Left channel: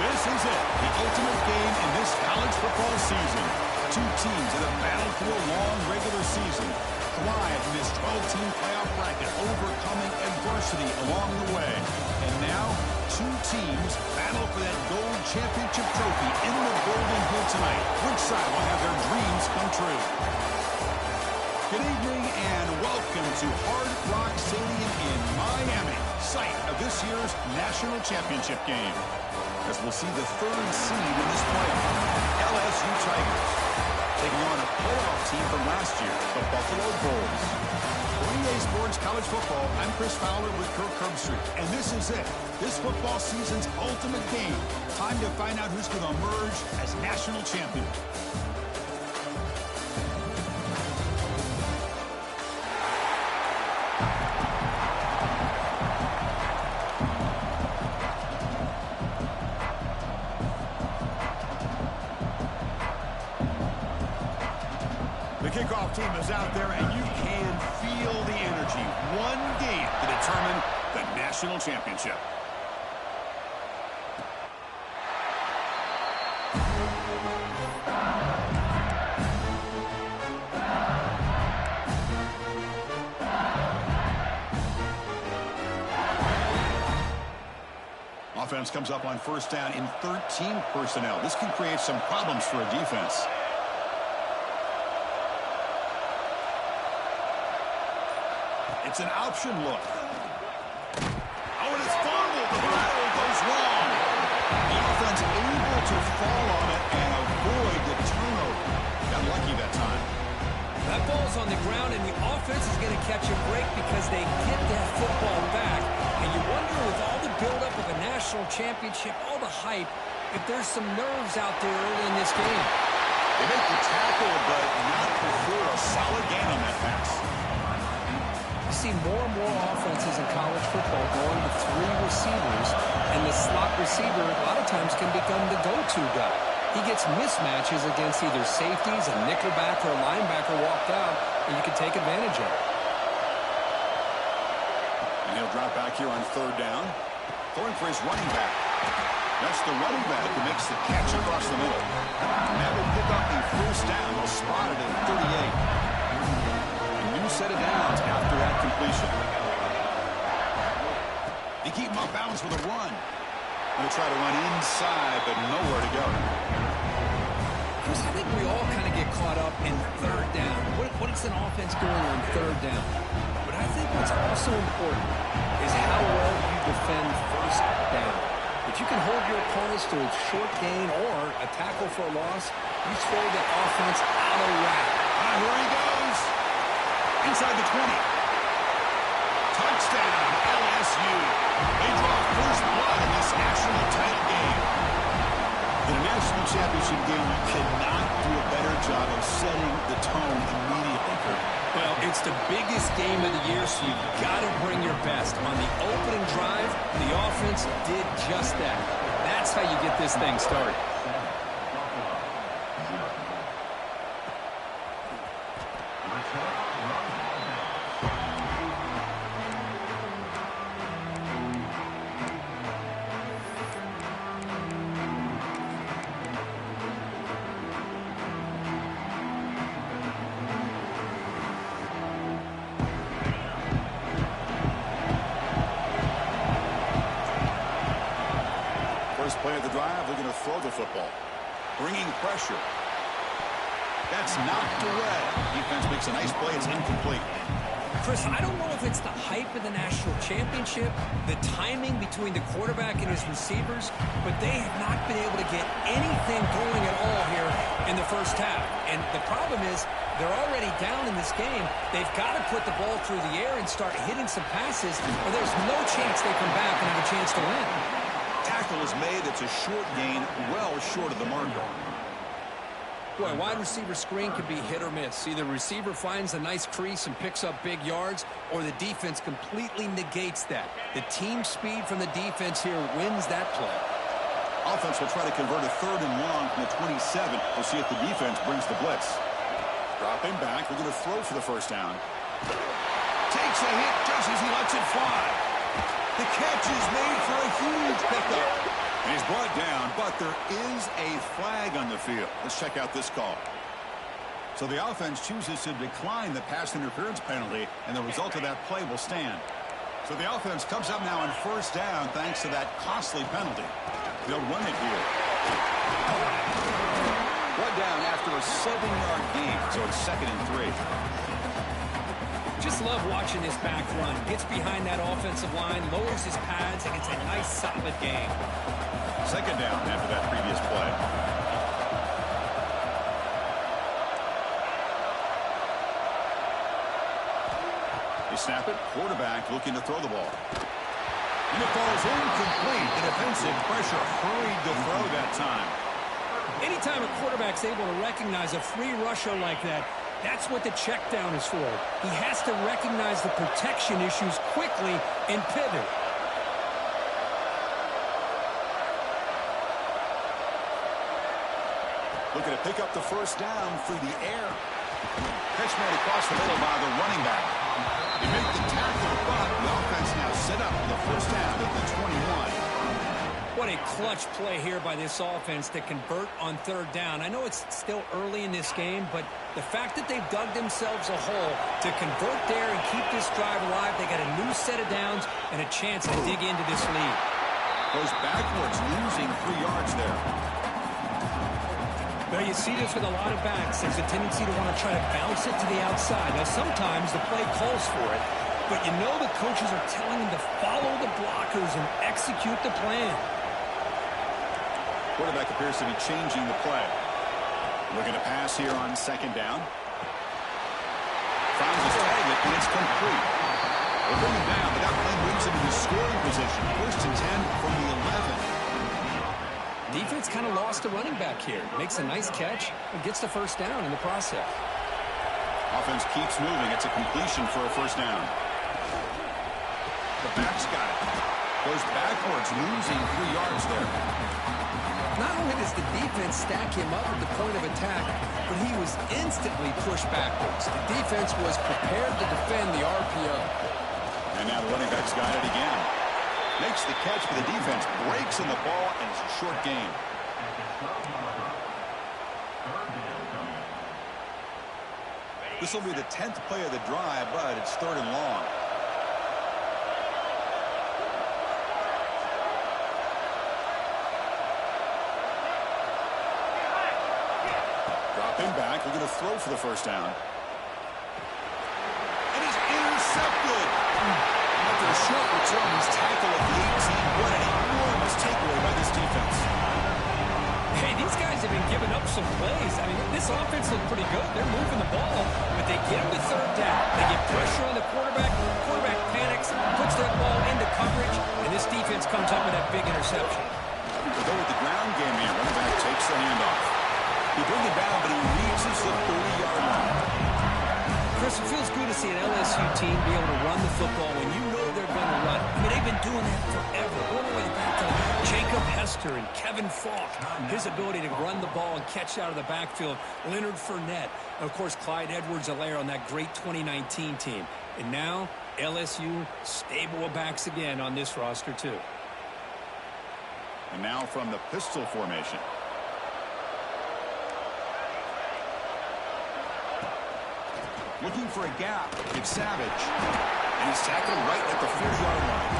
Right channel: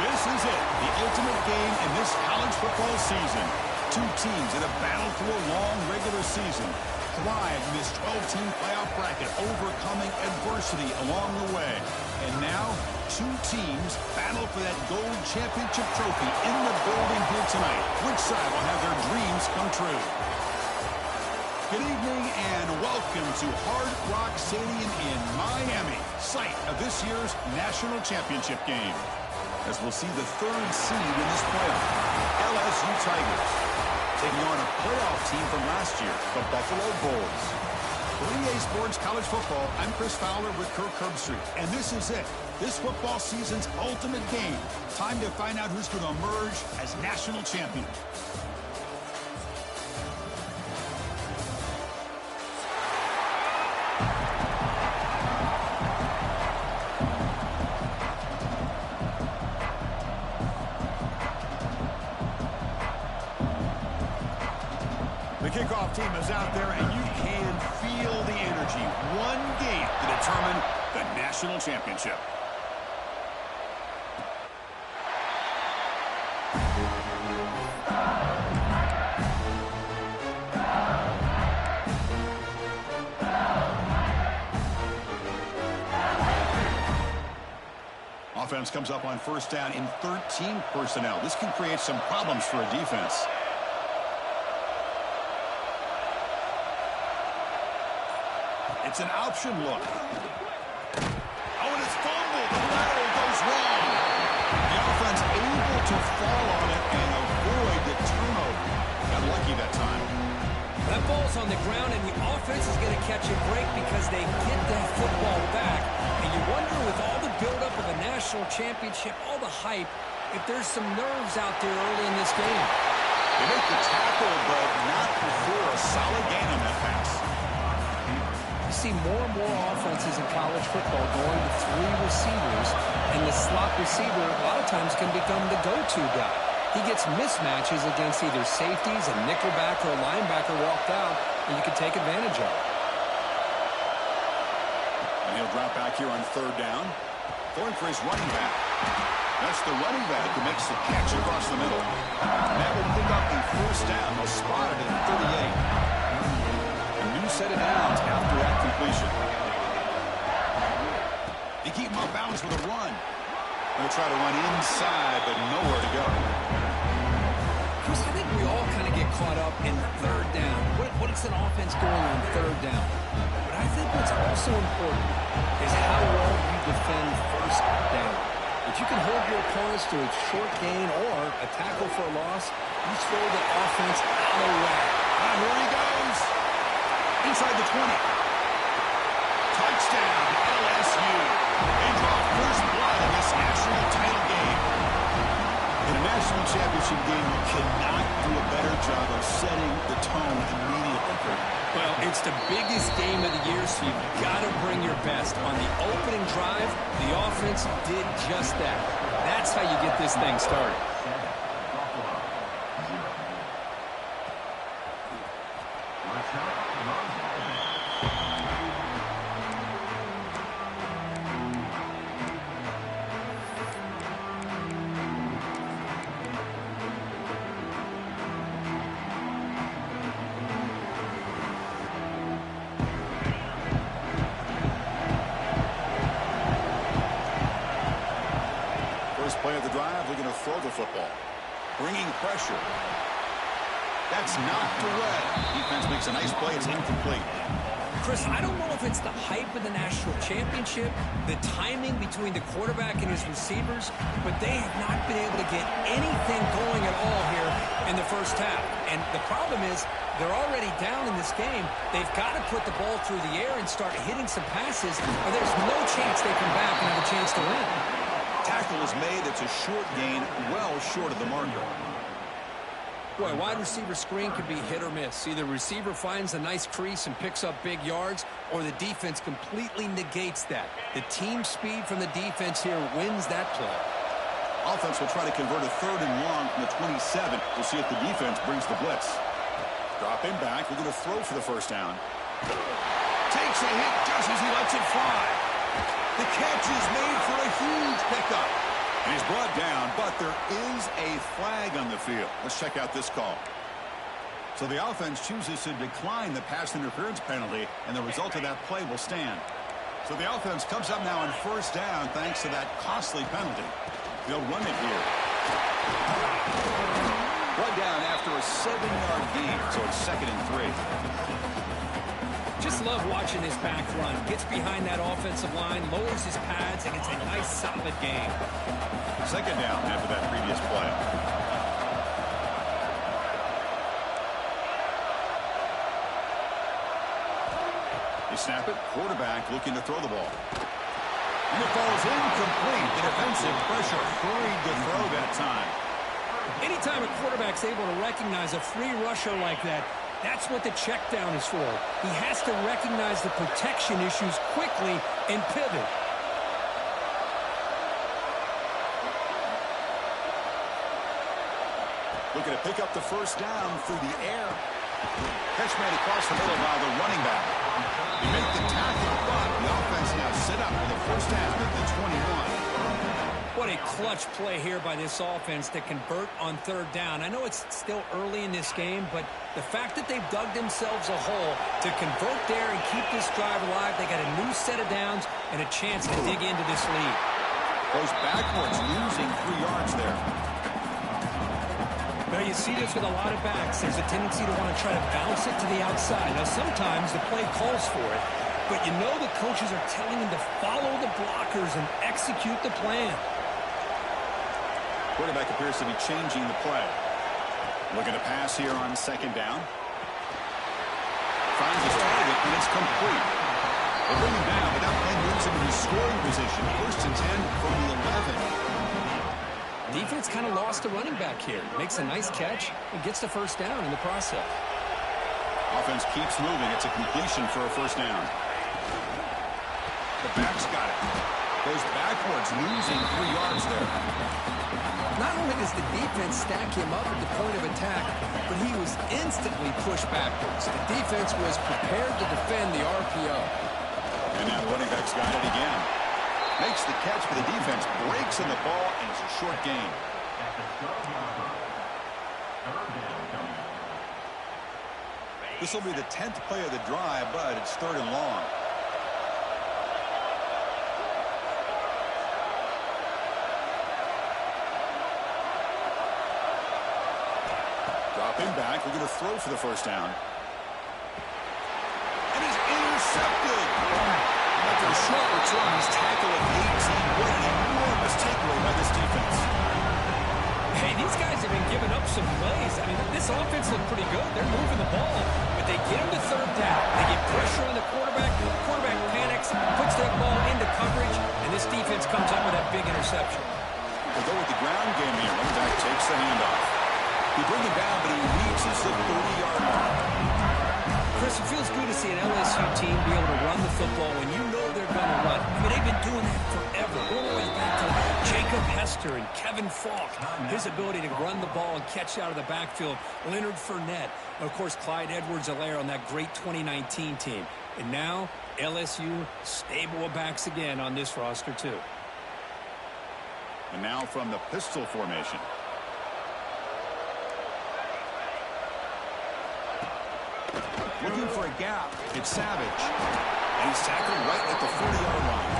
This is it, the ultimate game in this college football season. Two teams that have battled through a long regular season, thrived in this 12-team playoff bracket, overcoming adversity along the way. And now, two teams battle for that gold championship trophy in the building here tonight. Which side will have their dreams come true? Good evening and welcome to Hard Rock Stadium in Miami, site of this year's national championship game. As we'll see the third seed in this playoff, LSU Tigers, taking on a playoff team from last year, the Buffalo Bulls. For EA Sports College Football, I'm Chris Fowler with Kirk Herbstreit, and this is it. This football season's ultimate game. Time to find out who's going to emerge as national champion. The kickoff team is out there, and you can feel the energy. One game to determine the national championship. Offense comes up on first down in 13 personnel. This can create some problems for a defense. It's an option look. Oh, and it's fumbled. The lateral goes wrong. The offense able to fall on it and avoid the turnover. Got lucky that time. That ball's on the ground, and the offense is going to catch a break because they get that football back. And you wonder, with all the buildup of a national championship, all the hype, if there's some nerves out there early in this game. They make the tackle, but not before a solid gain on that pass. You see more and more offenses in college football going to three receivers, and the slot receiver a lot of times can become the go-to guy. He gets mismatches against either safeties, a nickelback, or a linebacker walked out, and you can take advantage of it. And he'll drop back here on third down, throwing for his running back. That's the running back who makes the catch across the middle. And that will pick up a first down. They'll spot it at 38. New set of downs after that completion. They keep him off balance with a run. Going to try to run inside, but nowhere to go. Chris, I think we all kind of get caught up in third down. What is an offense doing on third down? But I think what's also important is how well you defend first down. If you can hold your opponents to a short gain or a tackle for a loss, you throw the offense out of whack. Here he goes. Inside the 20. Touchdown, LSU. They draw first blood in this national title game. In a national championship game, you cannot do a better job of setting the tone immediately, Kurt. Well, it's the biggest game of the year, so you've got to bring your best. On the opening drive, the offense did just that. That's how you get this thing started. First play of the drive, looking to throw the football. Bringing pressure. That's knocked away. Defense makes a nice play. It's incomplete. Chris, I don't know if it's the hype of the national championship, the timing between the quarterback and his receivers, but they have not been able to get anything going at all here in the first half. And the problem is they're already down in this game. They've got to put the ball through the air and start hitting some passes, or there's no chance they come back and have a chance to win. Tackle is made. It's a short gain, well short of the marker. Boy, wide receiver screen can be hit or miss. Either receiver finds a nice crease and picks up big yards, or the defense completely negates that. The team speed from the defense here wins that play. Offense will try to convert a third and long from the 27. We'll see if the defense brings the blitz. Dropping back, we're going to throw for the first down. Takes a hit just as he lets it fly. The catch is made for a huge pickup. And he's brought down, but there is a flag on the field. Let's check out this call. So the offense chooses to decline the pass interference penalty, and the result of that play will stand. So the offense comes up now on first down thanks to that costly penalty. They'll run it here. Brought down after a 7-yard gain, so it's 2nd and 3. Just love watching this back run. Gets behind that offensive line, lowers his pads, and gets a nice solid gain. 2nd down after that previous play. They snap it. Quarterback looking to throw the ball. And it falls incomplete. The defensive pressure hurried to throw that time. Anytime a quarterback's able to recognize a free rusher like that, that's what the check down is for. He has to recognize the protection issues quickly and pivot. Looking to pick up the first down through the air. Catch made across the middle by the running back. They make the tackle, but the offense now set up for the first down at the 21. What a clutch play here by this offense to convert on 3rd down. I know it's still early in this game, but the fact that they've dug themselves a hole to convert there and keep this drive alive, they got a new set of downs and a chance to dig into this lead. Goes backwards, losing 3 yards there. Now, you see this with a lot of backs. There's a tendency to want to try to bounce it to the outside. Now, sometimes the play calls for it, but you know the coaches are telling them to follow the blockers and execute the plan. Quarterback appears to be changing the play. Looking to pass here on 2nd down. Finds his target, and it's complete. They bring him down, but that play moves him into scoring position. 1st and 10 from the 11. Defense kind of lost a running back here. Makes a nice catch and gets the first down in the process. Offense keeps moving. It's a completion for a first down. The back's got it. Goes backwards, losing 3 yards there. Not only does the defense stack him up at the point of attack, but he was instantly pushed backwards. The defense was prepared to defend the RPO. And now the running back's got it again. Makes the catch, but the defense breaks in the ball, and it's a short gain. This will be the 10th play of the drive, but it's 3rd and long. Dropping back, looking to throw for the first down. And he's intercepted. After a short return, he's tackled at the 18. What an enormous takeaway by this defense. Hey, these guys have been giving up some plays. I mean, this offense looked pretty good. They're moving the ball, but they get him to 3rd down. They get pressure on the quarterback. Quarterback panics, puts that ball into coverage, and this defense comes up with that big interception. They go with the ground game here. Running back takes the handoff. He brings it down, but he reaches the 30-yard line. Chris, it feels good to see an LSU team be able to run the football when you know they're going to run. I mean, they've been doing that forever, all the way back to Jacob Hester and Kevin Falk. His ability to run the ball and catch out of the backfield. Leonard Fournette. And, of course, Clyde Edwards-Helaire on that great 2019 team. And now, LSU stable of backs again on this roster, too. And now from the pistol formation. Looking for a gap. It's Savage. And he's tackled right at the 40-yard line.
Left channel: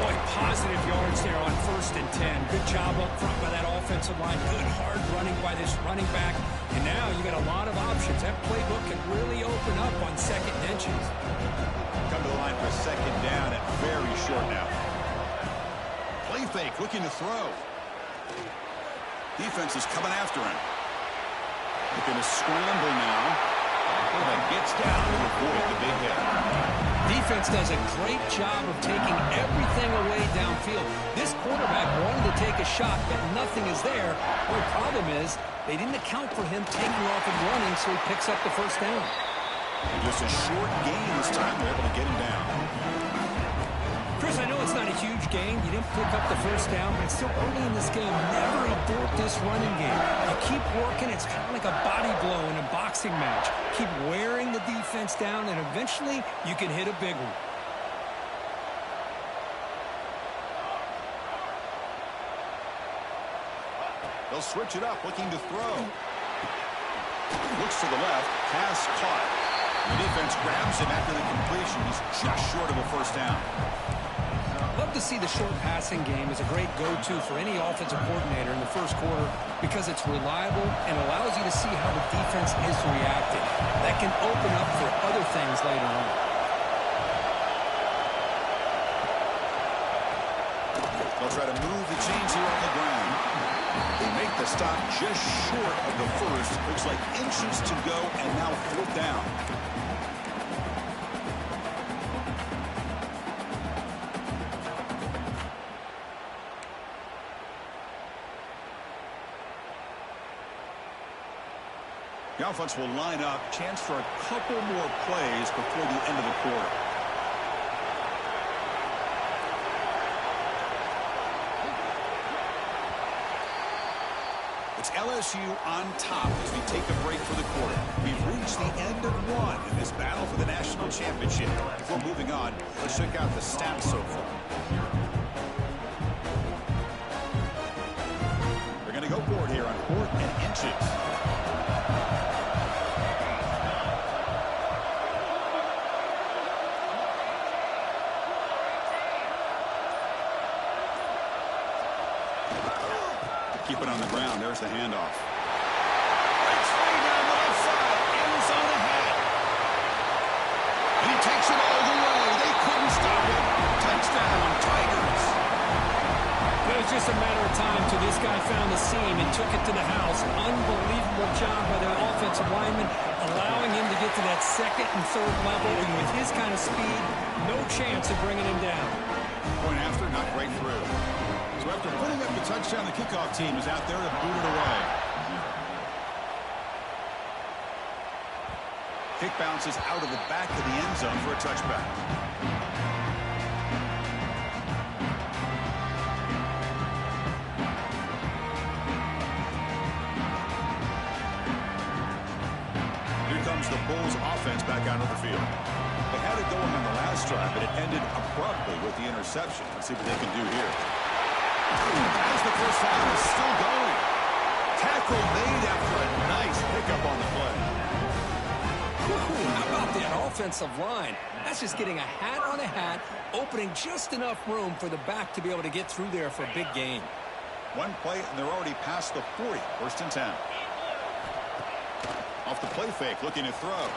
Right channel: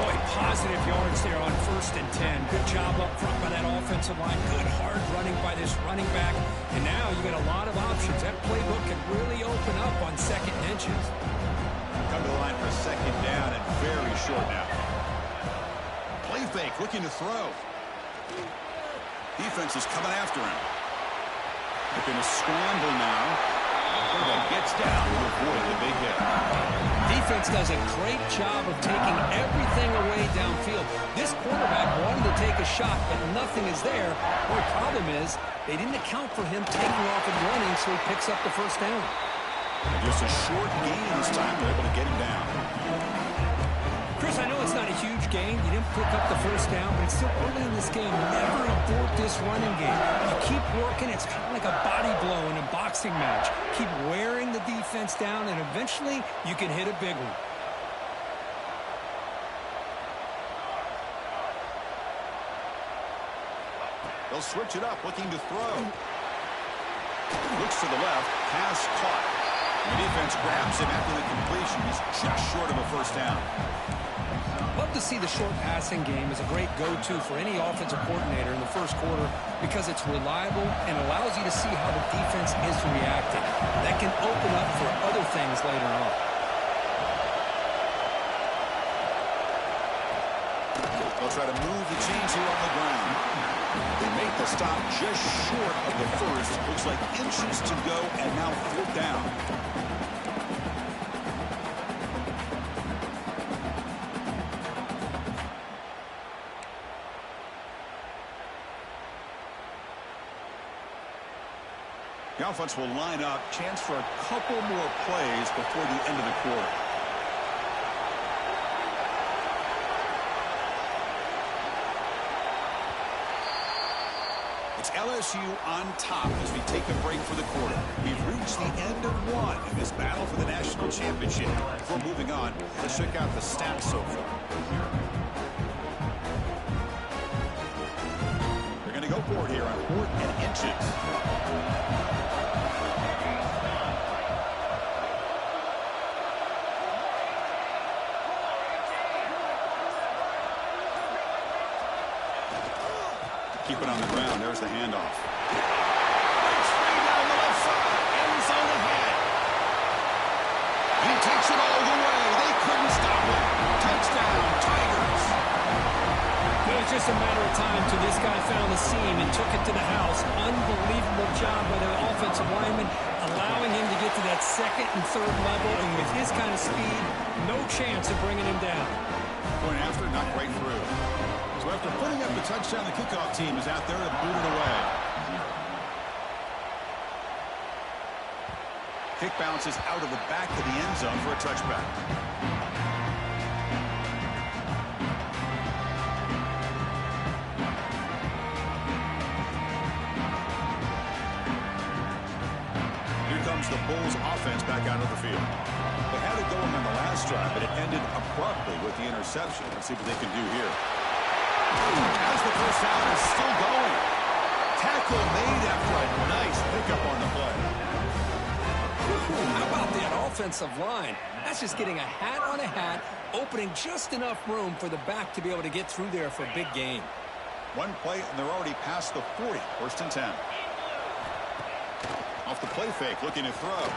Boy, positive yards there on 1st and 10. Good job up front by that offensive line. Good hard running by this running back. And now you got a lot of options. That playbook can really open up on 2nd and inches. Come to the line for 2nd down and very short now. Play fake, looking to throw. Defense is coming after him. Looking to scramble now. Quarterback gets down to avoid the big hit. Defense does a great job of taking everything away downfield. This quarterback wanted to take a shot, but nothing is there. The problem is they didn't account for him taking off and running, so he picks up the first down. And just a short gain this time. They're able to get him down. Chris, I know it's not a huge gain. You didn't pick up the first down, but it's still early in this game. Never abort this running game. You keep working. It's kind of like a body blow in a boxing match. Keep wearing the defense down, and eventually you can hit a big one. They'll switch it up, looking to throw. Looks to the left, pass caught. The defense grabs him after the completion. He's just short of a first down. Love to see the short passing game as a great go-to for any offensive coordinator in the first quarter because it's reliable and allows you to see how the defense is reacting. That can open up for other things later on. They'll try to move the chains here on the ground. They make the stop just short of the first. Looks like inches to go, and now fourth down. The offense will line up. Chance for a couple more plays before the end of the quarter. It's LSU on top as we take a break for the quarter. We've reached the end of one in this battle for the national championship. Before moving on, let's check out the stats so far. They're going to go for it here on 4th and inches. Keep it on the ground. There's the handoff. Breaks free down the left side. End zone ahead. And he takes it all the way. They couldn't stop him. Touchdown, Tigers. It was just a matter of time till this guy found the seam and took it to the house. Unbelievable job by the offensive lineman, allowing him to get to that second and third level. And with his kind of speed, no chance of bringing him down. Point after, not quite through. So after putting up the touchdown, the kickoff team is out there to boot it away. Kick bounces out of the back of the end zone for a touchback. Here comes the Bulls offense back out of the field. They had it going on the last drive, but it ended abruptly with the interception. Let's see what they can do here. As the first down is still going. Tackle made after a nice pickup on the play. How about that offensive line? That's just getting a hat on a hat, opening just enough room for the back to be able to get through there for a big gain. One play, and they're already past the 40. 1st and 10. Off the play fake, looking to throw.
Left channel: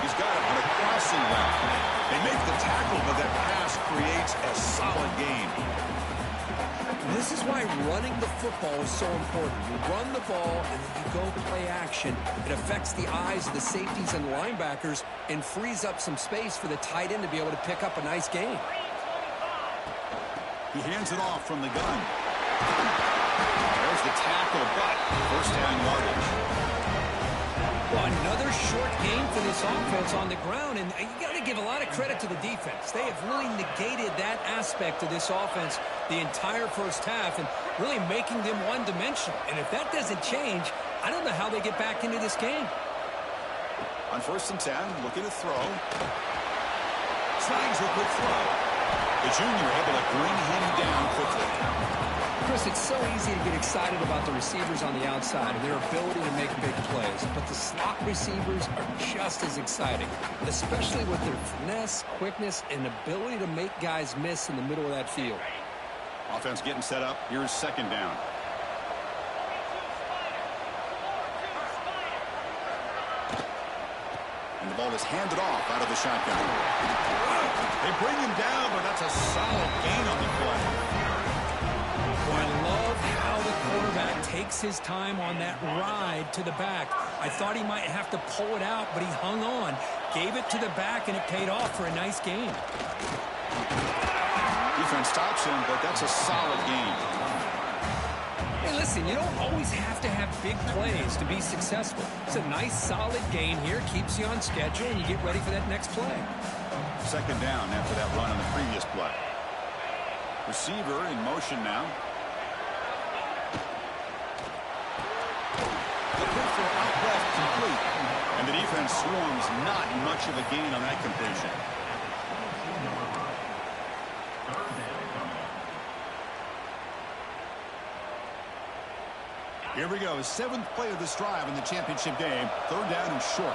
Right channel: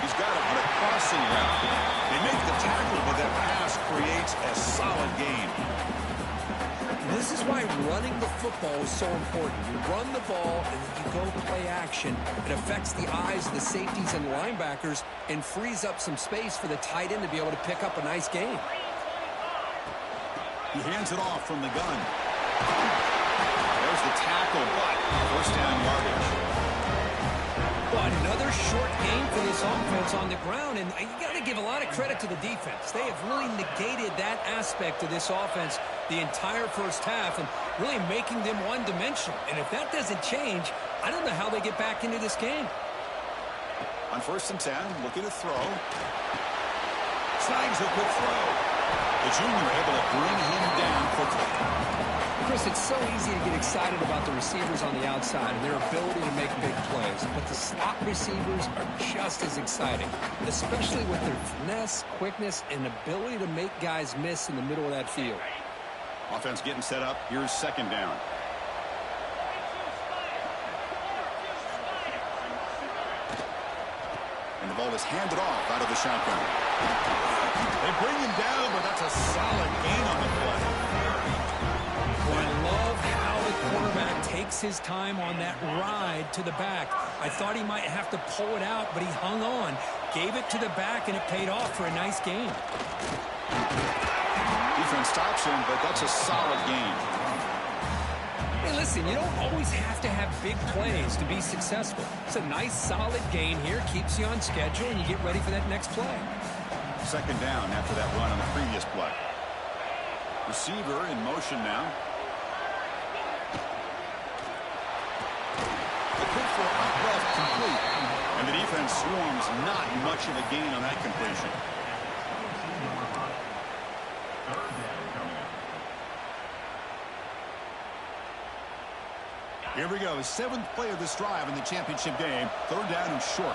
He's got it on a crossing route. They make the tackle, but that pass creates a solid gain. This is why running the football is so important. You run the ball, and then you go play action. It affects the eyes of the safeties and linebackers and frees up some space for the tight end to be able to pick up a nice gain. He hands it off from the gun. There's the tackle, but first down yardage. Well, another short game for this offense on the ground, and you got to give a lot of credit to the defense. They have really negated that aspect of this offense the entire first half and really making them one-dimensional. And if that doesn't change, I don't know how they get back into this game. On 1st and 10, looking to throw. Snags a quick throw. The junior able to bring him down quickly. Chris, it's so easy to get excited about the receivers on the outside and their ability to make big plays, but the slot receivers are just as exciting, especially with their finesse, quickness, and ability to make guys miss in the middle of that field. Offense getting set up. Here's 2nd down. And the ball is handed off out of the shotgun. They bring him down, but that's a solid gain on the play. Well, I love how the quarterback takes his time on that ride to the back. I thought he might have to pull it out, but he hung on, gave it to the back, and it paid off for a nice gain. Defense stops him, but that's a solid gain. Hey, listen, you don't always have to have big plays to be successful. It's a nice, solid gain here, keeps you on schedule, and you get ready for that next play. 2nd down after that run on the previous play. Receiver in motion now. A quick throw out left, complete. And the defense swarms, not much of a gain on that completion. Here we go. 7th play of this drive in the championship game. 3rd down and short.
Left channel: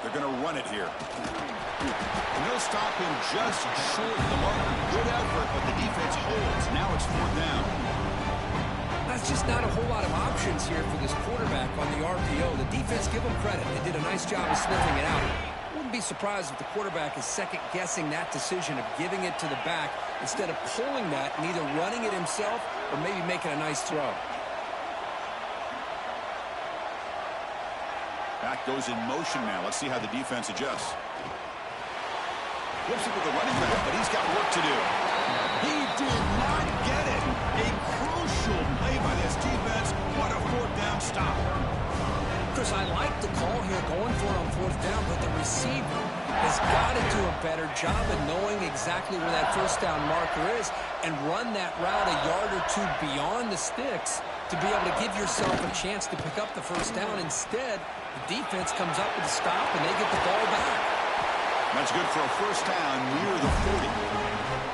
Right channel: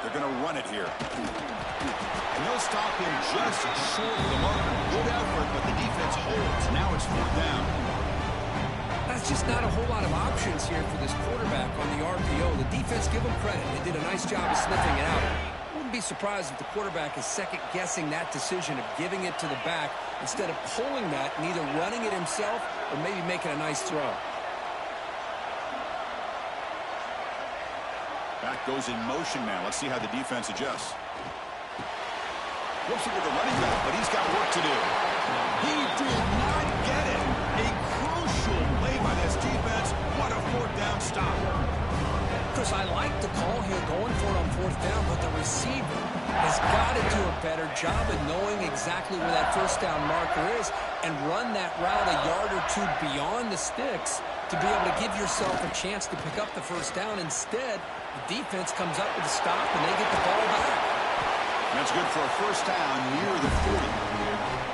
They're going to run it here. And they'll stop him just short of the marker. Good effort, but the defense holds. Now it's 4th down. That's just not a whole lot of options here for this quarterback on the RPO. The defense, give them credit. They did a nice job of sniffing it out. Wouldn't be surprised if the quarterback is second-guessing that decision of giving it to the back instead of pulling that and either running it himself or maybe making a nice throw. Back goes in motion now. Let's see how the defense adjusts. Flips it to the running back, but he's got work to do. He did not get it. A crucial play by this defense. What a 4th down stop. Chris, I like the call here going for it on 4th down, but the receiver has got to do a better job of knowing exactly where that 1st down marker is and run that route a yard or two beyond the sticks to be able to give yourself a chance to pick up the 1st down. Instead, the defense comes up with a stop, and they get the ball back. That's good for a 1st down near the 40.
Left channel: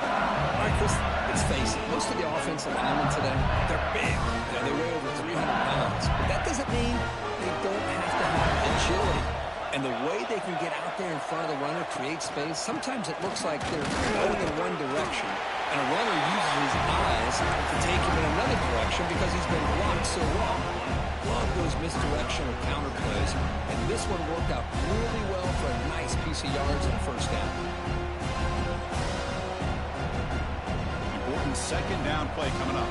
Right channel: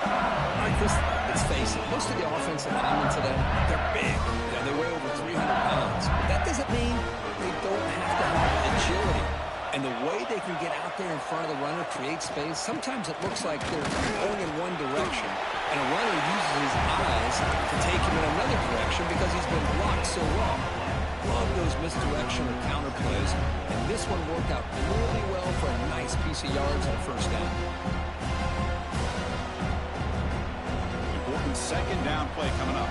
All right, Chris, let's face it. Most of the offensive linemen today, they're big. They weigh over 300 pounds. But that doesn't mean they don't have to have agility. And the way they can get out there in front of the runner, create space, sometimes it looks like they're going in one direction, and a runner uses his eyes to take him in another direction because he's been blocked so well. Love those misdirection or counter plays, and this one worked out really well for a nice piece of yards and a 1st down. Important 2nd down play coming up.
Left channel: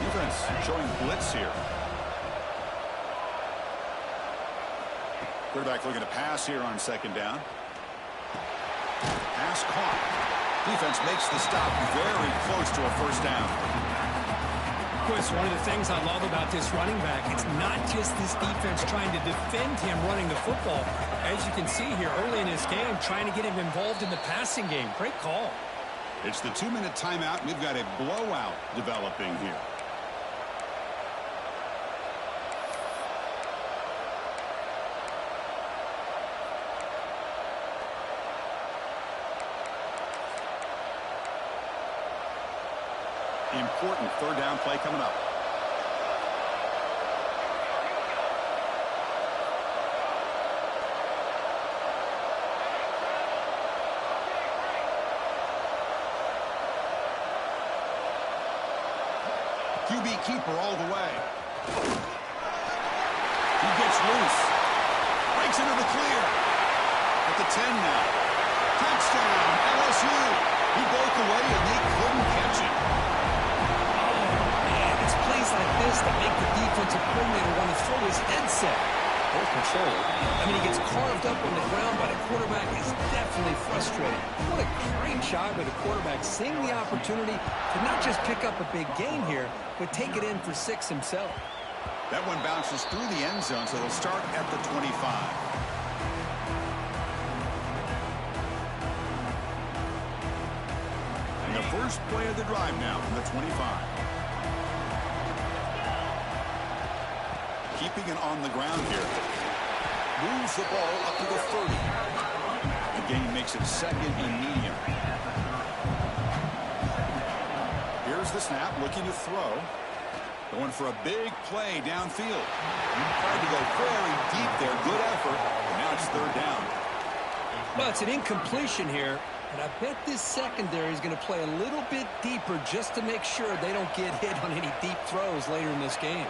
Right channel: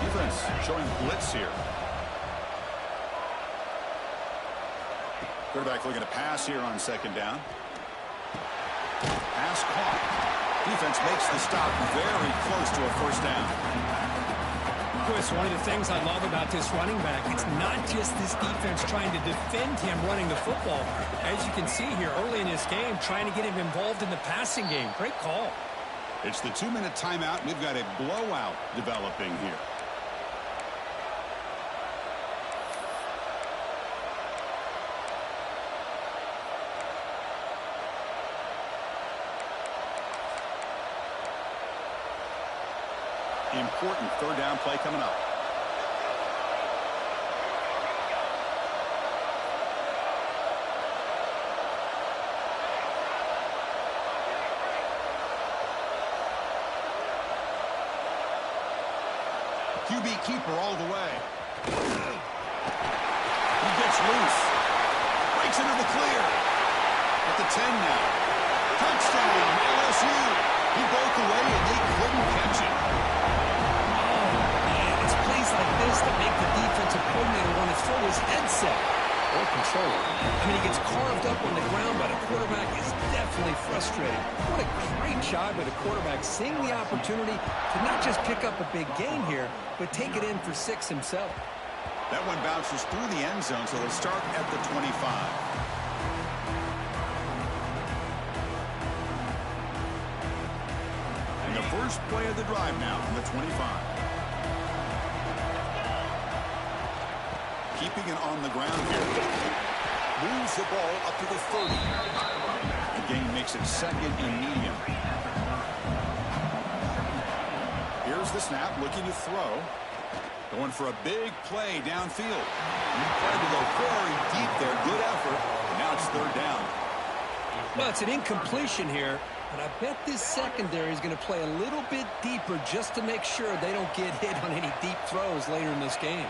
Defense showing blitz here. Quarterback looking to pass here on 2nd down. Pass caught. Defense makes the stop very close to a 1st down. Chris, one of the things I love about this running back, it's not just this defense trying to defend him running the football. As you can see here early in this game, trying to get him involved in the passing game. Great call. It's the 2-minute timeout. We've got a blowout developing here. Important 3rd down play coming up. QB keeper all the way. He gets loose. Breaks into the clear. At the 10 now. Touchdown, LSU. He broke away and they couldn't catch it. It's plays like this that make the defensive coordinator want to throw his headset or controller. I mean, he gets carved up on the ground, but the quarterback is definitely frustrated. What a great job by the quarterback, seeing the opportunity to not just pick up a big gain here, but take it in for 6 himself. That one bounces through the end zone, so they'll start at the 25. And the first play of the drive now from the 25. Keeping it on the ground here. Moves the ball up to the 30. The gain makes it 2nd and medium. Here's the snap, looking to throw. Going for a big play downfield. He tried to go very deep there. Good effort. And now it's 3rd down. Well, it's an incompletion here, but I bet this secondary is going to play a little bit deeper just to make sure they don't get hit on any deep throws later in this game.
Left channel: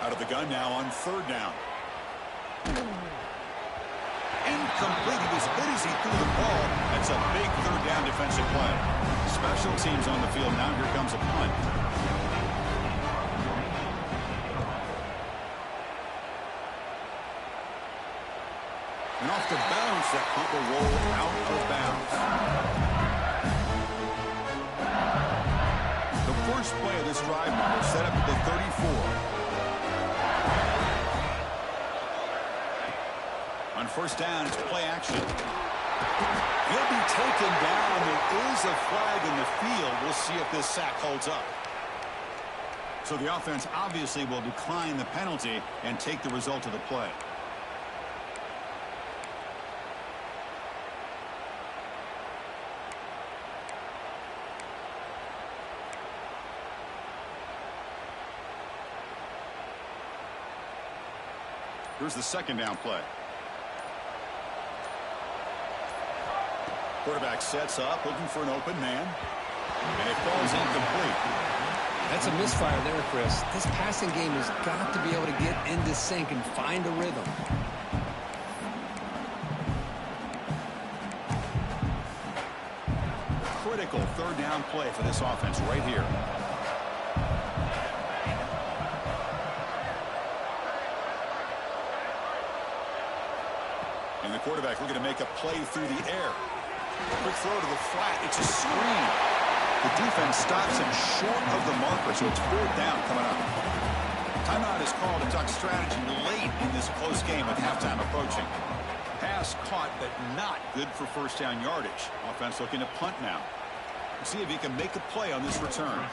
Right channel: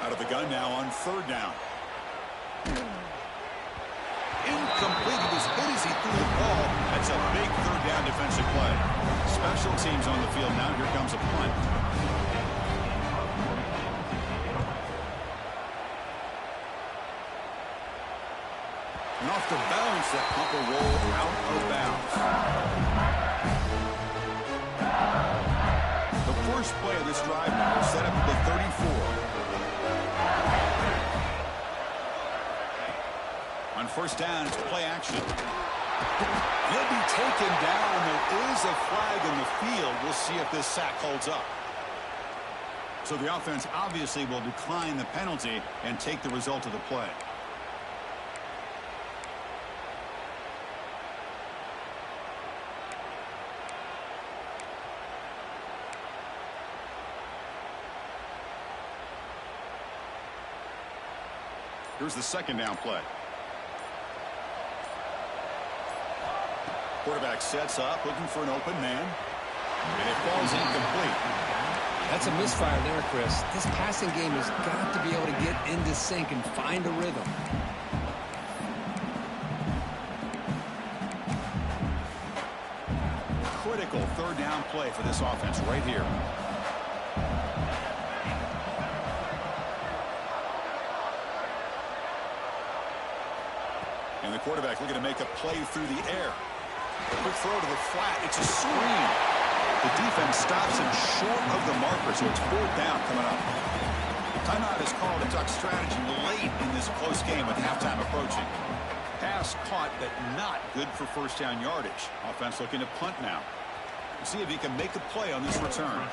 Out of the gun now on 3rd down. Incomplete. He was hit as he threw the ball. That's a big 3rd down defensive play. Special teams on the field now. Here comes a punt. And off the bounce, that punt will roll out of bounds. The first play of this drive now is set up at the 34. On 1st down, it's play action. He'll be taken down. There is a flag in the field. We'll see if this sack holds up. So the offense obviously will decline the penalty and take the result of the play. Here's the second down play. Quarterback sets up, looking for an open man. And it falls incomplete. That's a misfire there, Chris. This passing game has got to be able to get into sync and find a rhythm. Critical third down play for this offense right here. And the quarterback looking to make a play through the air. Quick throw to the flat. It's a screen. The defense stops him short of the marker, so it's fourth down coming up. Timeout is called to duck strategy late in this close game with halftime approaching. Pass caught, but not good for first down yardage. Offense looking to punt now. We'll see if he can make a play on this return.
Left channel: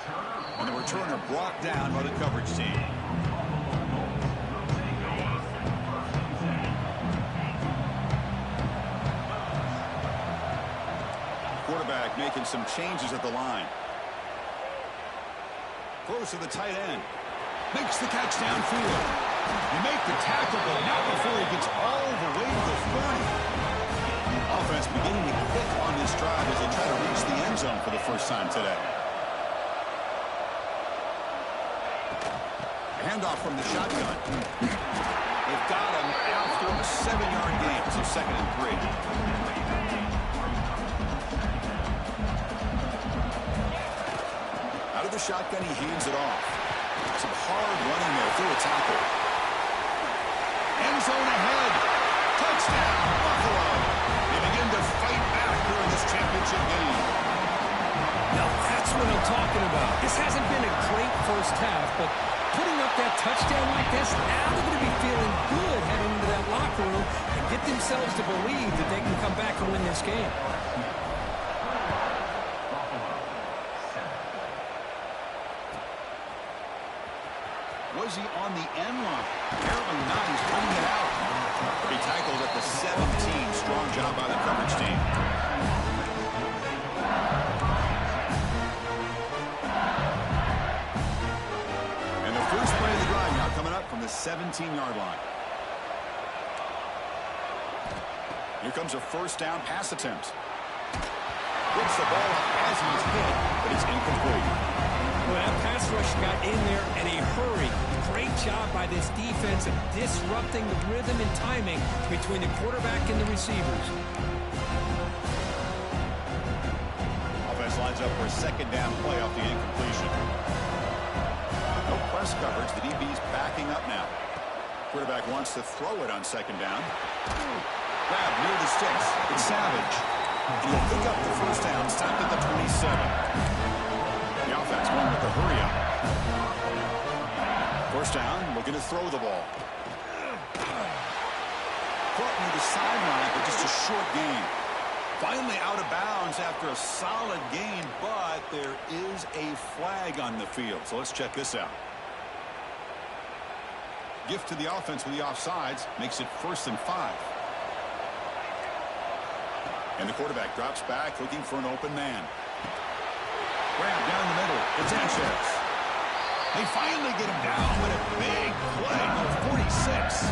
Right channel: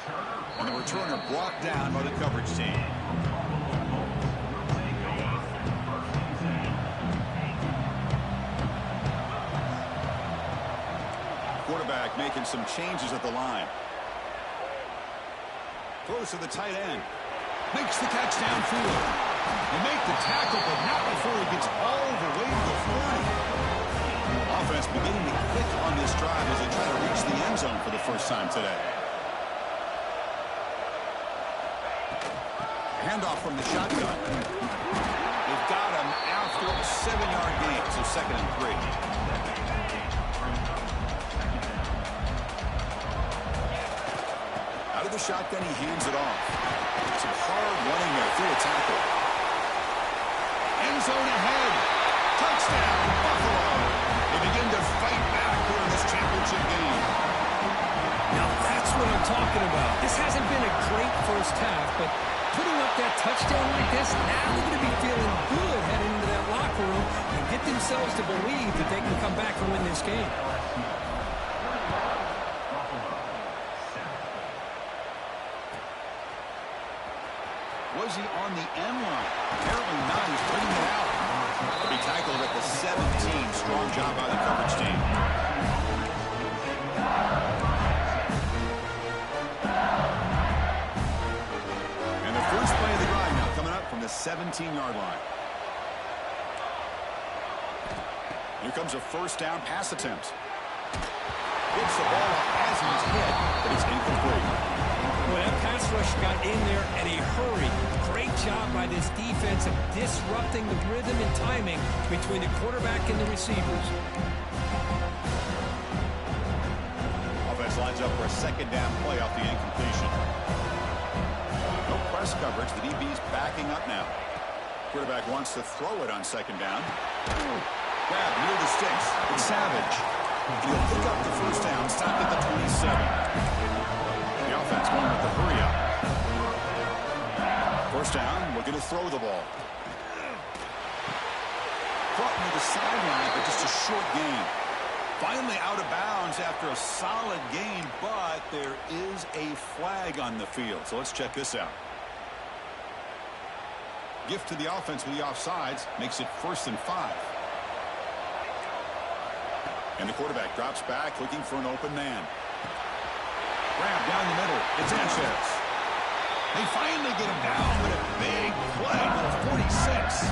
And the returner brought down by the coverage team. Quarterback making some changes at the line. Throws to the tight end. Makes the catch downfield. They make the tackle, but not before he gets all the way to the 30. Offense beginning to click on this drive as they try to reach the end zone for the first time today. Handoff from the shotgun. They've got him after a 7-yard gain, so 2nd and 3. Out of the shotgun, he hands it off. Some hard running there through a tackle. End zone ahead. Touchdown, Buffalo. They begin to fight back here in this championship game. Now that's what I'm talking about. This hasn't been a great first half, but putting up that touchdown like this, now they're going to be feeling good heading into that locker room and get themselves to believe that they can come back and win this game. Was he on the end line? Apparently not. He's bringing it out. He'll be tackled at the 17. Strong job by the coverage team. And the first play of the drive now coming up from the 17-yard line. Here comes a first down pass attempt. Gets the ball up as he's hit, but it's incomplete. Well, that pass rush got in there in a hurry. Great job by this defense of disrupting the rhythm and timing between the quarterback and the receivers. Offense lines up for a second down play off the incompletion. No press coverage. The DB's backing up now. Quarterback wants to throw it on second down. Grab near the sticks. It's Savage. He'll pick up the first down. Stopped at the 27. The offense going with the hurry up. First down, looking to throw the ball. Caught near the sideline, but just a short gain. Finally out of bounds after a solid gain, but there is a flag on the field. So let's check this out. Gift to the offense with the offsides makes it 1st and 5. And the quarterback drops back looking for an open man. Grab down the middle. It's Sanchez. They finally get him down with a big play to 46.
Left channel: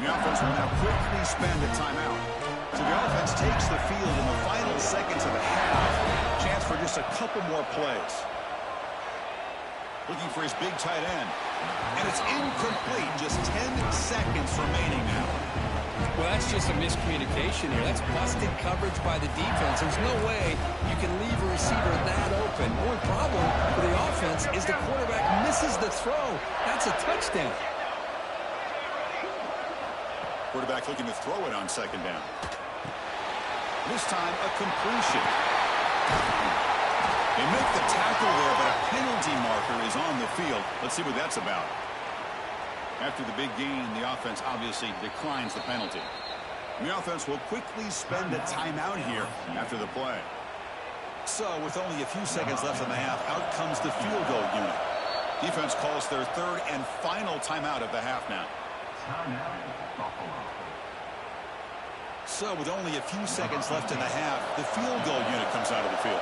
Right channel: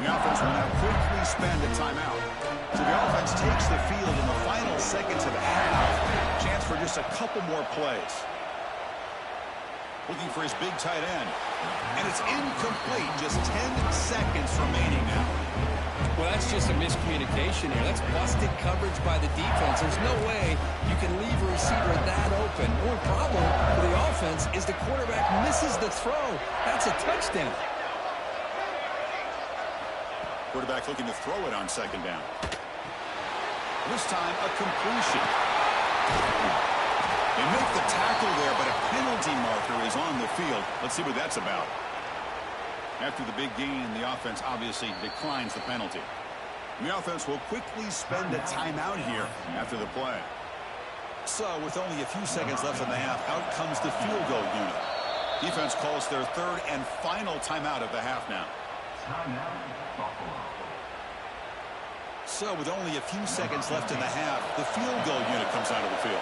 The offense will now quickly spend a timeout. So the offense takes the field in the final seconds of the half. Chance for just a couple more plays. Looking for his big tight end. And it's incomplete. Just 10 seconds remaining now. Well, that's just a miscommunication here. That's busted coverage by the defense. There's no way you can leave a receiver that open. The only problem for the offense is the quarterback misses the throw. That's a touchdown. Quarterback looking to throw it on second down. This time, a completion. They make the tackle there, but a penalty marker is on the field. Let's see what that's about. After the big gain, the offense obviously declines the penalty. The offense will quickly spend a timeout here after the play. So with only a few seconds left in the half, out comes the field goal unit. Defense calls their third and final timeout of the half now. Timeout, Buffalo. So with only a few seconds left in the half, the field goal unit comes out of the field.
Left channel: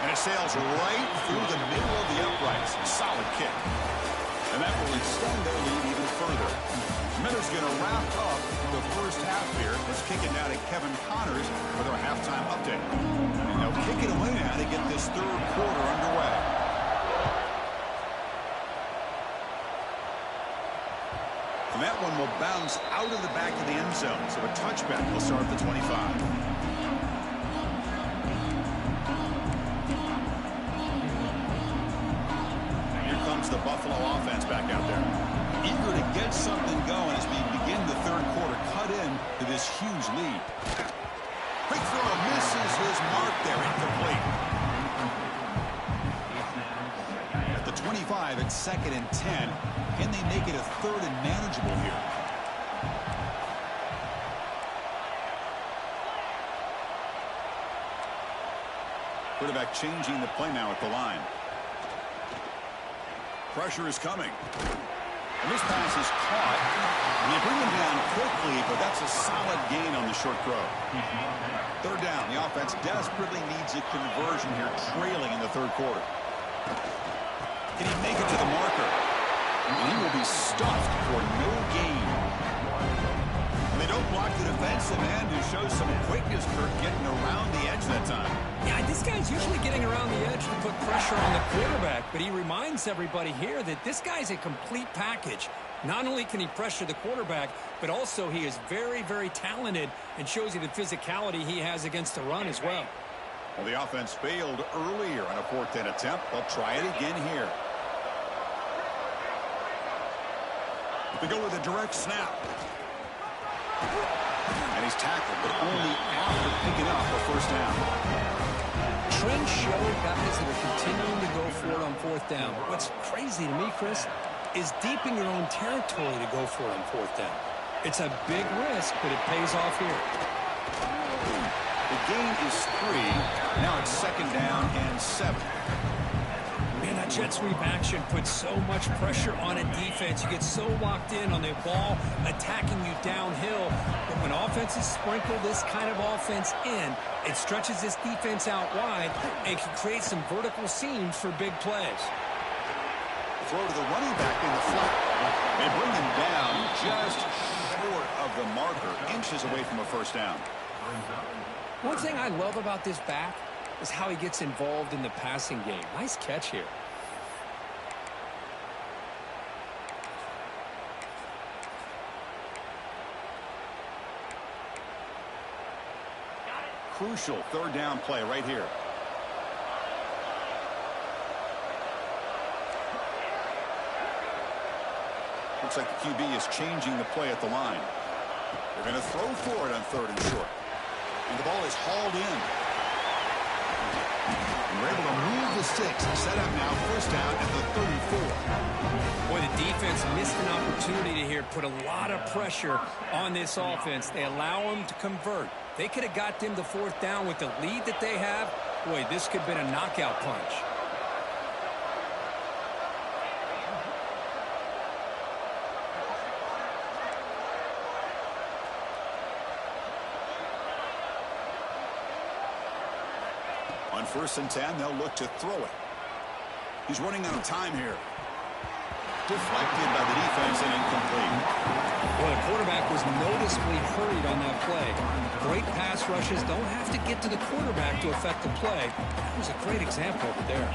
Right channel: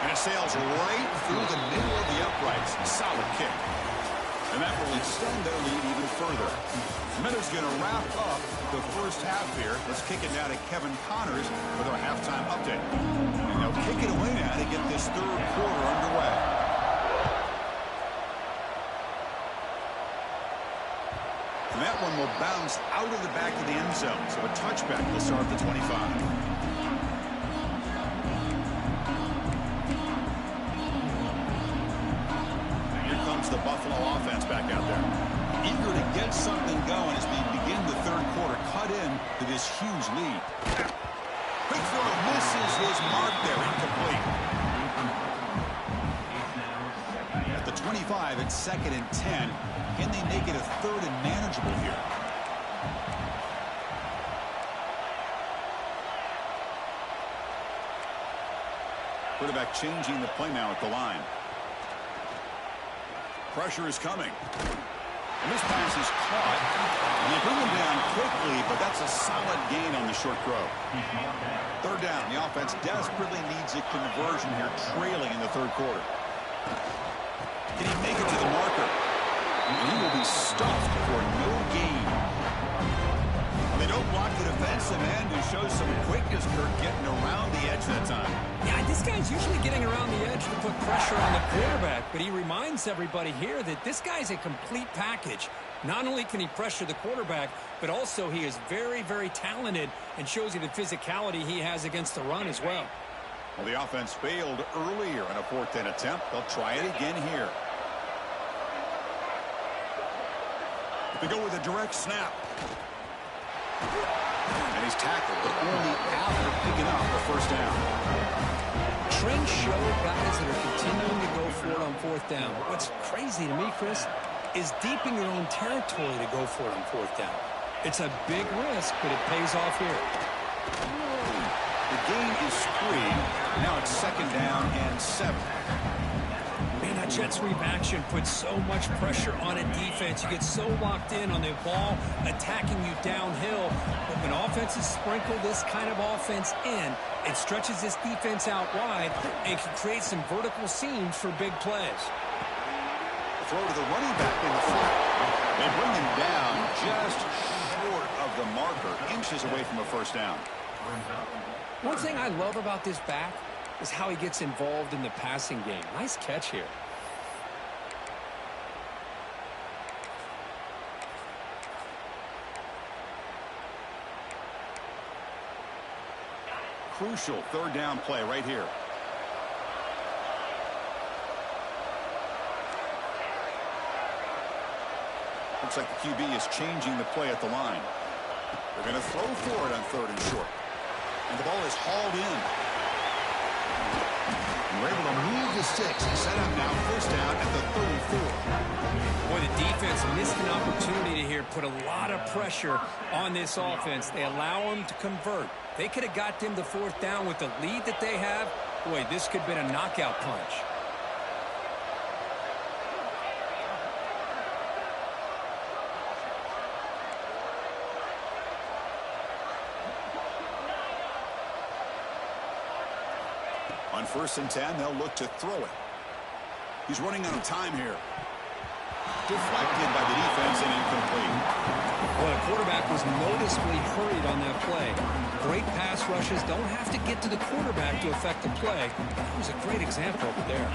And it sails right through the middle of the uprights. Solid kick. And that will extend their lead even further. Miller's going to wrap up the first half here. Let's kick it now to Kevin Connors with our halftime update. And they'll kick it away now to get this third quarter underway. And that one will bounce out of the back of the end zone. So a touchback will start at the 25. The Buffalo offense back out there, eager to get something going as we begin the third quarter, cut in to this huge lead. Quick throw, misses his mark there, incomplete. At the 25, it's 2nd and 10. Can they make it a 3rd and manageable here? Quarterback changing the play now at the line. Pressure is coming. And this pass is caught. And they bring him down quickly, but that's a solid gain on the short throw. 3rd down. The offense desperately needs a conversion here, trailing in the third quarter. Can he make it to the marker? And he will be stuffed for no gain. And they don't block the defensive end, who shows some quickness, Kirk, getting around the edge that time. Yeah, this guy's usually getting around the edge to put pressure on the quarterback, but he reminds everybody here that this guy's a complete package. Not only can he pressure the quarterback, but also he is very, very talented and shows you the physicality he has against the run as well. Well, the offense failed earlier on a 4th down attempt. They'll try it again here. They go with a direct snap. And he's tackled, but only after picking up a 1st down. Trends show guys that are continuing to go for it on 4th down. What's crazy to me, Chris, is deep in your own territory to go for it on 4th down. It's a big risk, but it pays off here. The gain is 3. Now it's 2nd down and 7. Man, that jet sweep action puts so much pressure on a defense. You get so locked in on the ball attacking you downhill. But when offenses sprinkle this kind of offense in, it stretches this defense out wide and can create some vertical seams for big plays. Throw to the running back in the flat. They bring him down just short of the marker, inches away from a 1st down. One thing I love about this back is how he gets involved in the passing game. Nice catch here. Crucial 3rd down play right here. Looks like the QB is changing the play at the line. They're going to throw for it on 3rd and short. And the ball is hauled in. And we're able to move the sticks. Set up now, 1st down at the 34. Boy, the defense missed an opportunity to here put a lot of pressure on this offense. They allow them to convert. They could have got them the 4th down with the lead that they have. Boy, this could have been a knockout punch. On 1st and 10, they'll look to throw it. He's running out of time here. Deflected by the defense and incomplete. Well, the quarterback was noticeably hurried on that play. Great pass rushes don't have to get to the quarterback to affect the play. That was a great example of it there.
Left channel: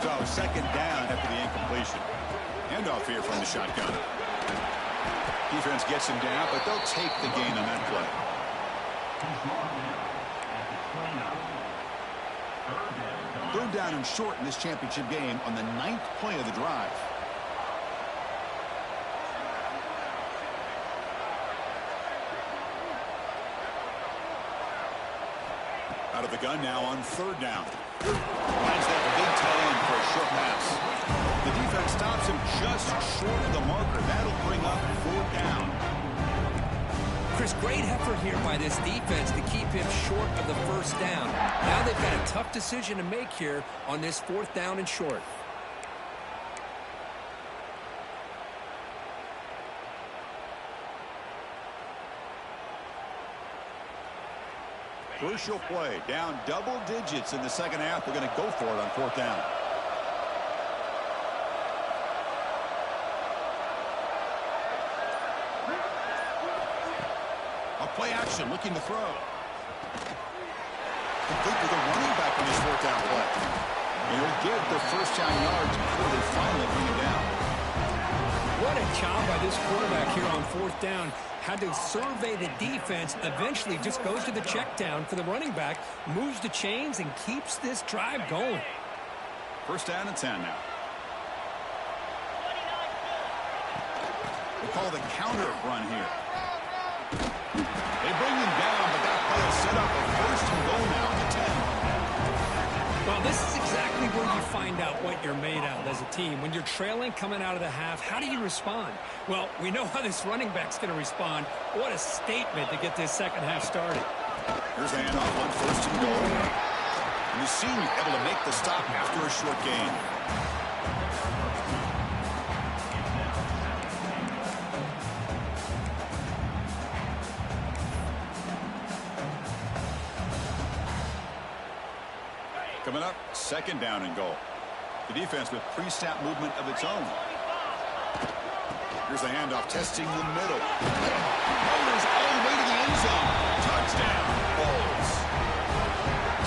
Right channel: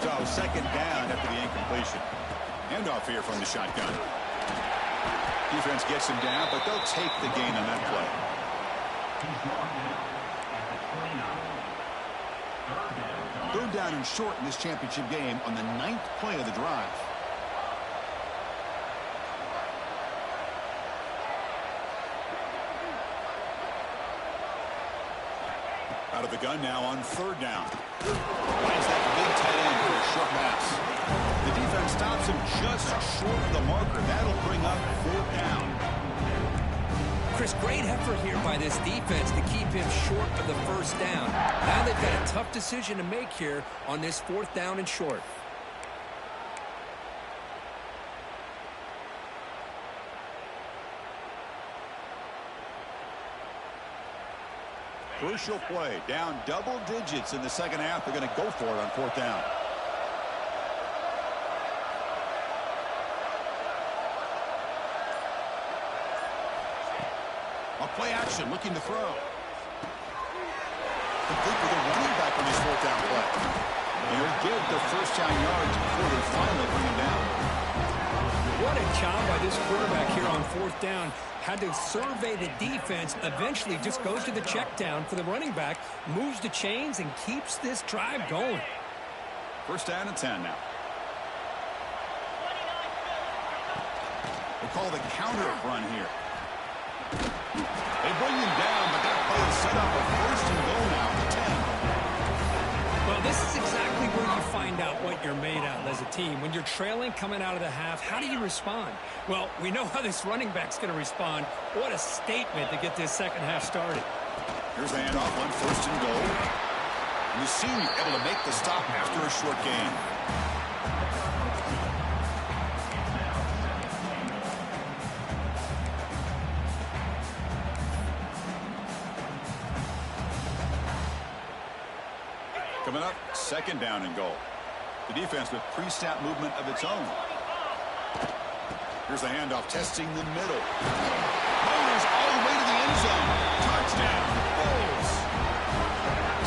So 2nd down after the incompletion. Handoff here from the shotgun. Defense gets him down, but they'll take the gain on that play. He's marked down at the 29. 3rd down and short in this championship game on the 9th play of the drive. Out of the gun now on 3rd down. Finds that big tight end for a short pass. The defense stops him just short of the marker. That'll bring up 4th down. Chris, great effort here by this defense to keep him short of the first down. Now they've got a tough decision to make here on this 4th down and short. Crucial play, down double digits in the second half. They're going to go for it on 4th down. A play action, looking to throw. Complete with a running back on his 4th down play. And he'll get the first down yards before they finally bring him down. What a job by this quarterback here on 4th down. Had to survey the defense, eventually just goes to the check down for the running back, moves the chains, and keeps this drive going. 1st down and 10 now. They call the counter run here. They bring him down, but that play will set up a 1st and goal now at the 10. Well, this is exactly where you find out what you're made of as a team. When you're trailing coming out of the half, how do you respond? Well, we know how this running back's going to respond. What a statement to get this second half started. Here's the handoff on 1st and goal. And the senior able to make the stop after a short gain. Coming up, 2nd down and goal. The defense with pre-snap movement of its own. Here's the handoff, testing the middle. Motors all the way to the end zone. Touchdown, Bulls.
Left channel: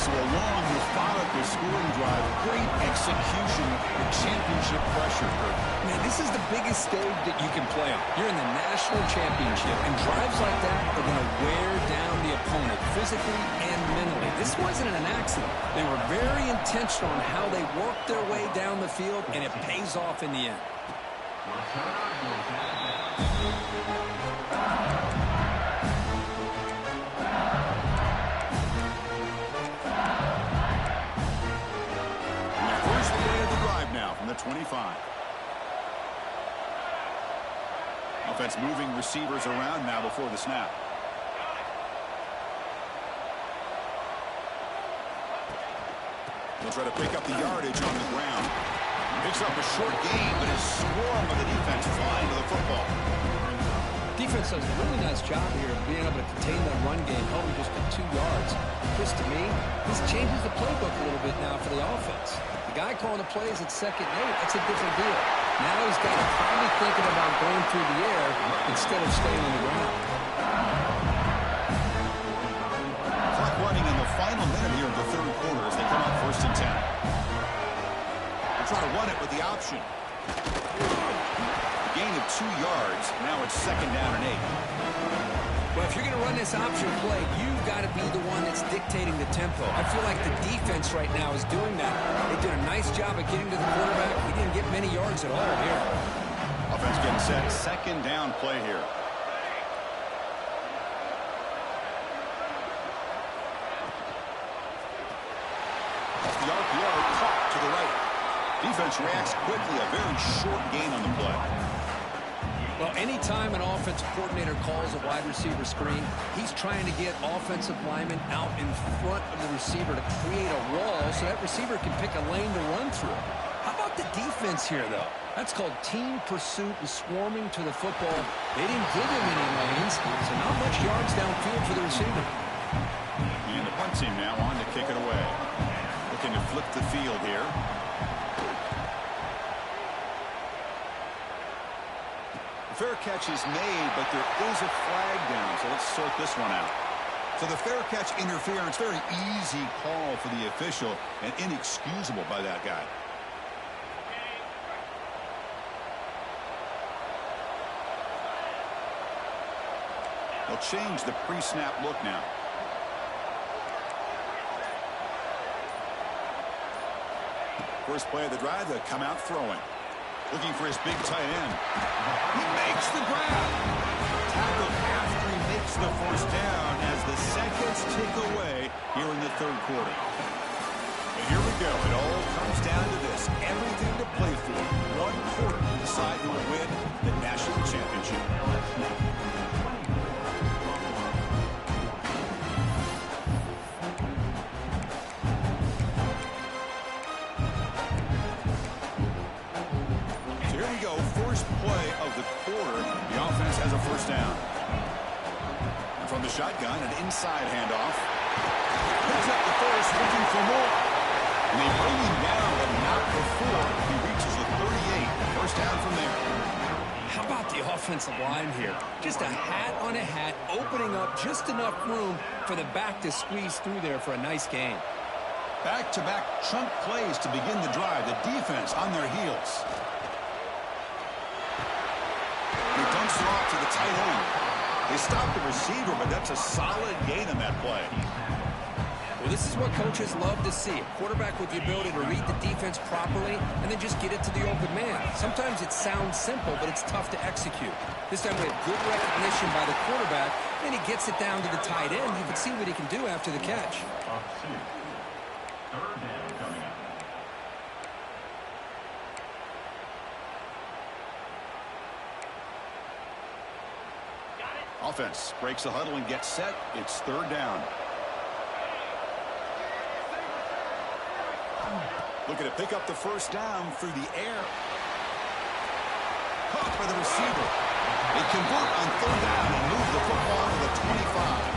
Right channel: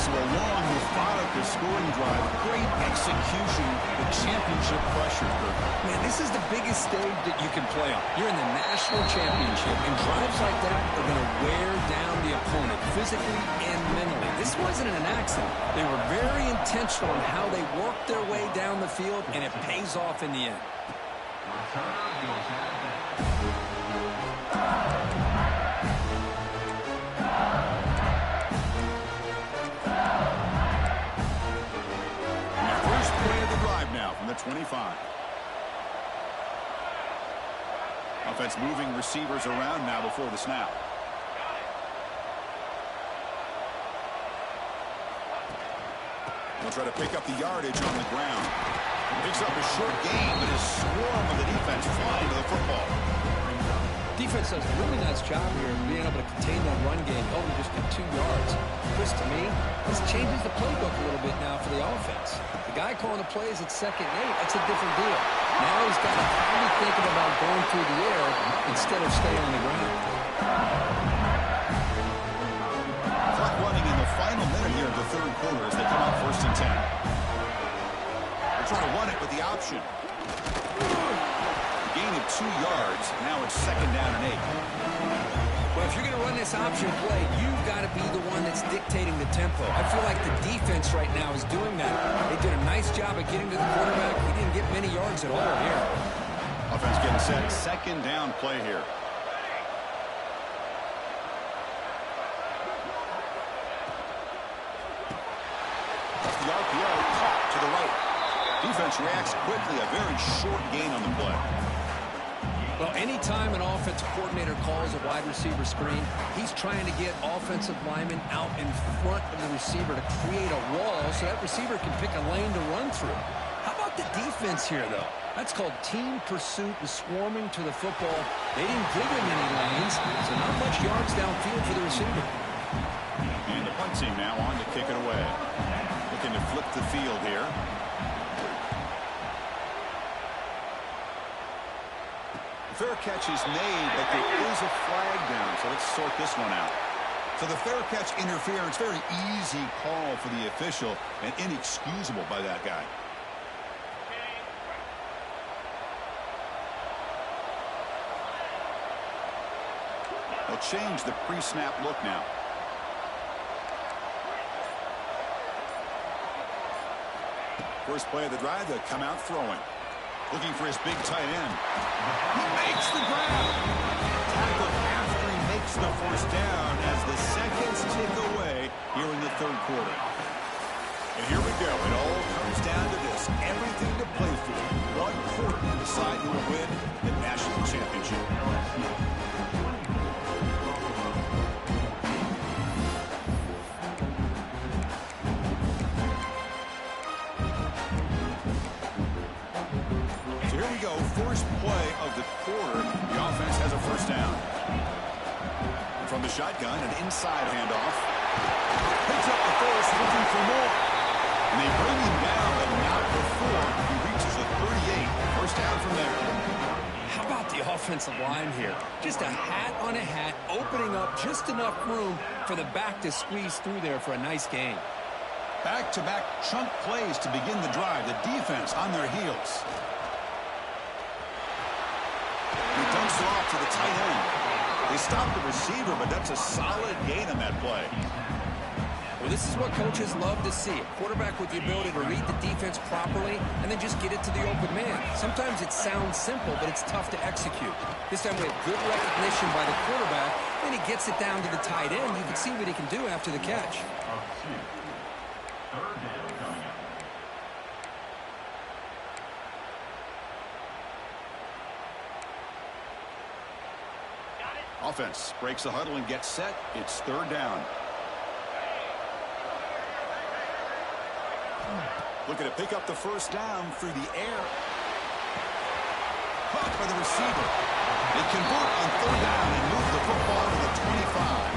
So a long, methodical scoring drive. Great execution with championship pressure, Kirk. Man, this is the biggest stage that you can play on. You're in the national championship, and drives like that are going to wear down the opponent physically and mentally. This wasn't an accident. They were very intentional on how they worked their way down the field, and it pays off in the end. And the first play of the drive now from the 25. Offense moving receivers around now before the snap. He'll try to pick up the yardage on the ground. Picks up a short gain, but a swarm of the defense flying to the football. Defense does a really nice job here of being able to contain that run game, held him just to 2 yards. Chris, to me, this changes the playbook a little bit now for the offense. The guy calling the plays at 2nd and 8, that's a different deal. Now he's got to probably thinking about going through the air instead of staying on the ground. Clock running in the final minute here of the 3rd quarter as they come up 1st and 10. They're trying to run it with the option. A gain of 2 yards. Now it's 2nd down and 8. Well, if you're going to run this option play, you've got to be the one that's dictating the tempo. I feel like the defense right now is doing that. They did a nice job of getting to the quarterback. He didn't get many yards at all here. Offense getting set. 2nd down play here. The RPO caught to the right. Defense reacts quickly. A very short gain on the play. Well, anytime an offensive coordinator calls a wide receiver screen, he's trying to get offensive linemen out in front of the receiver to create a wall so that receiver can pick a lane to run through. How about the defense here, though? That's called team pursuit and swarming to the football. They didn't give him any lanes, so not much yards downfield for the receiver. And the punt team now on to kick it away. Looking to flip the field here. The fair catch is made, but there is a flag down, so let's sort this one out. So the fair catch interference, very easy call for the official and inexcusable by that guy. They'll change the pre-snap look now. First play of the drive, they'll come out throwing. Looking for his big tight end. He makes the grab. Tackle after he makes the first down as the seconds tick away here in the 3rd quarter. And here we go. It all comes down to this. Everything to play for. 1 quarter to decide who will win the national championship. go, first play of the quarter. The offense has a first down. And from the shotgun, an inside handoff. Picks up the first, looking for more. And they bring him down, but not before he reaches the 38. First down from there. How about the offensive line here? Just a hat on a hat, opening up just enough room for the back to squeeze through there for a nice gain. Back-to-back chunk plays to begin the drive. The defense on their heels. He dumps it off to the tight end. They stop the receiver, but that's a solid gain on that play. Well, this is what coaches love to see. A quarterback with the ability to read the defense properly and then just get it to the open man. Sometimes it sounds simple, but it's tough to execute. This time we have good recognition by the quarterback, and he gets it down to the tight end. You can see what he can do after the catch. Third down coming up. Offense breaks the huddle and gets set. It's third down. Looking to pick up the first down through the air. Caught by the receiver. They convert on third down and move the football to the 25.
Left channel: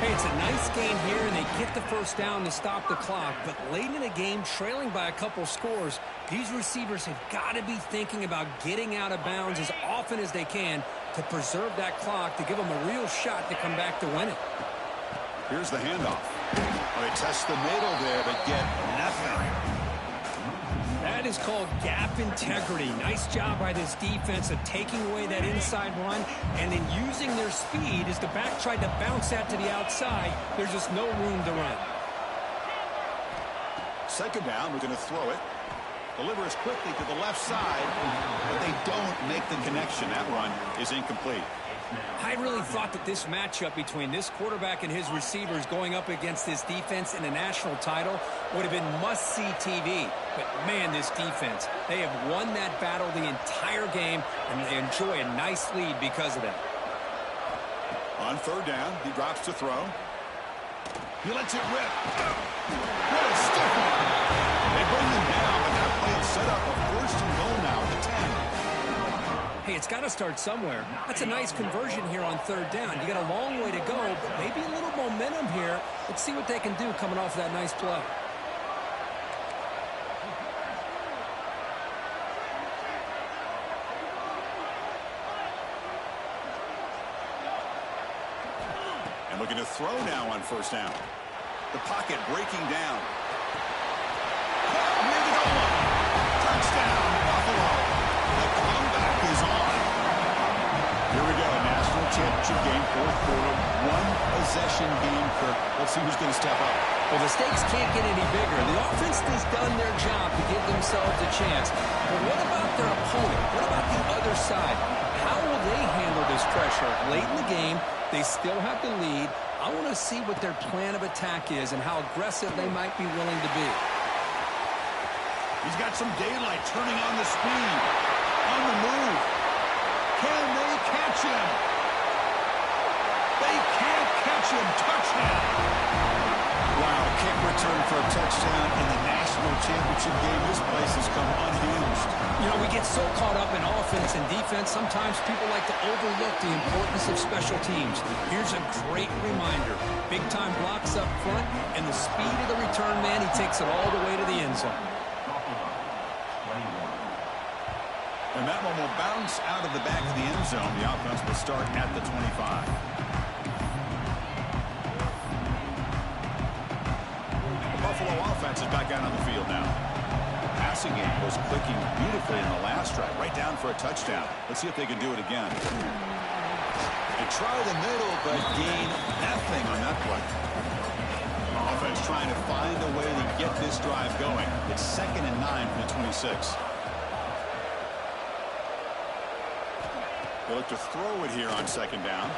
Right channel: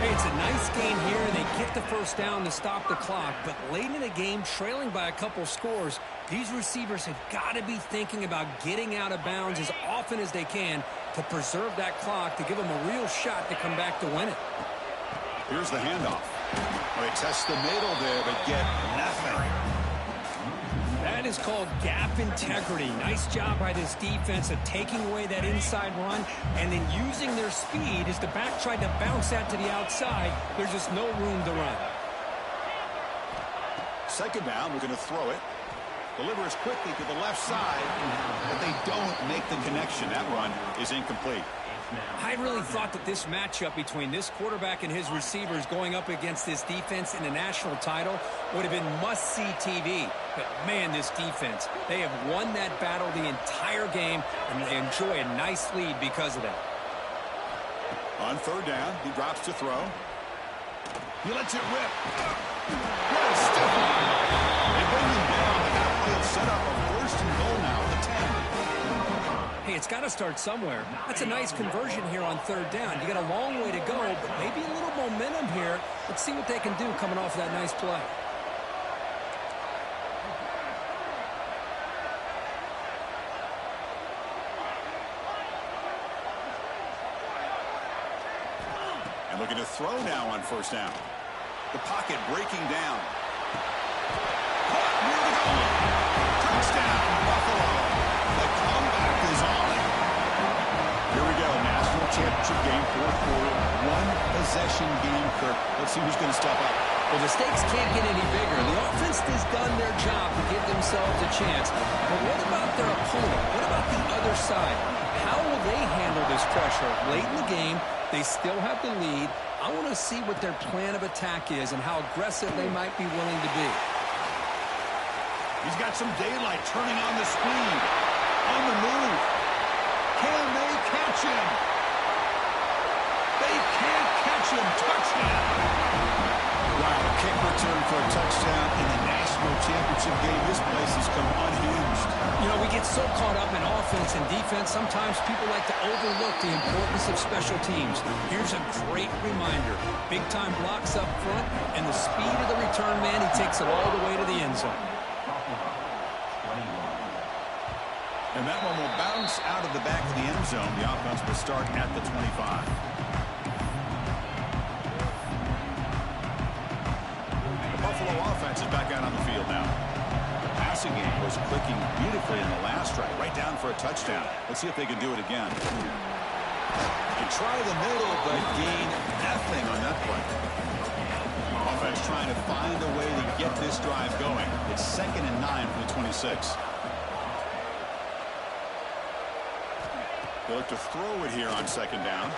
Hey, it's a nice gain here, and they get the first down to stop the clock. But late in the game, trailing by a couple scores, these receivers have got to be thinking about getting out of bounds as often as they can to preserve that clock, to give them a real shot to come back to win it. Here's the handoff. Oh, they test the middle there, but get nothing. That is called gap integrity. Nice job by this defense of taking away that inside run and then using their speed as the back tried to bounce that to the outside. There's just no room to run. Second down, we're going to throw it. Delivers quickly to the left side, but they don't make the connection. That run is incomplete. I really thought that this matchup between this quarterback and his receivers going up against this defense in the national title would have been must-see TV. But, man, this defense, they have won that battle the entire game, and they enjoy a nice lead because of that. On third down, he drops to throw. He lets it rip. What a stiff arm. They bring him down, but that play will set up a first and goal now at the 10. Hey, it's got to start somewhere. That's a nice conversion here on third down. You got a long way to go, but maybe a little momentum here. Let's see what they can do coming off that nice play. And looking to throw now on first down. The pocket breaking down. Caught near the goal line. Touchdown, Buffalo. The comeback is on. Here we go, national championship game, fourth quarter, one possession game, Kirk. Let's see who's going to step up. Well, the stakes can't get any bigger. The offense has done their job to give themselves a chance. But what about their opponent? What about the other side? How will they handle this pressure? Late in the game, they still have the lead. I want to see what their plan of attack is and how aggressive they might be willing to be. He's got some daylight, turning on the speed. On the move. Can they catch him? They can't catch him. Touchdown. Wow, a kick return for a touchdown in the national championship game. This place has come unhinged. You know, we get so caught up in offense and defense, sometimes people like to overlook the importance of special teams. Here's a great reminder. Big-time blocks up front, and the speed of the return man, he takes it all the way to the end zone. And that one will bounce out of the back of the end zone. The offense will start at the 25. The Buffalo offense is back out on the field now. The passing game was clicking beautifully in the last drive, right down for a touchdown. Let's see if they can do it again. And try the middle, but gain nothing on that play. Offense trying to find a way to get this drive going. It's 2nd and 9 from the 26. They look to throw it here on second down.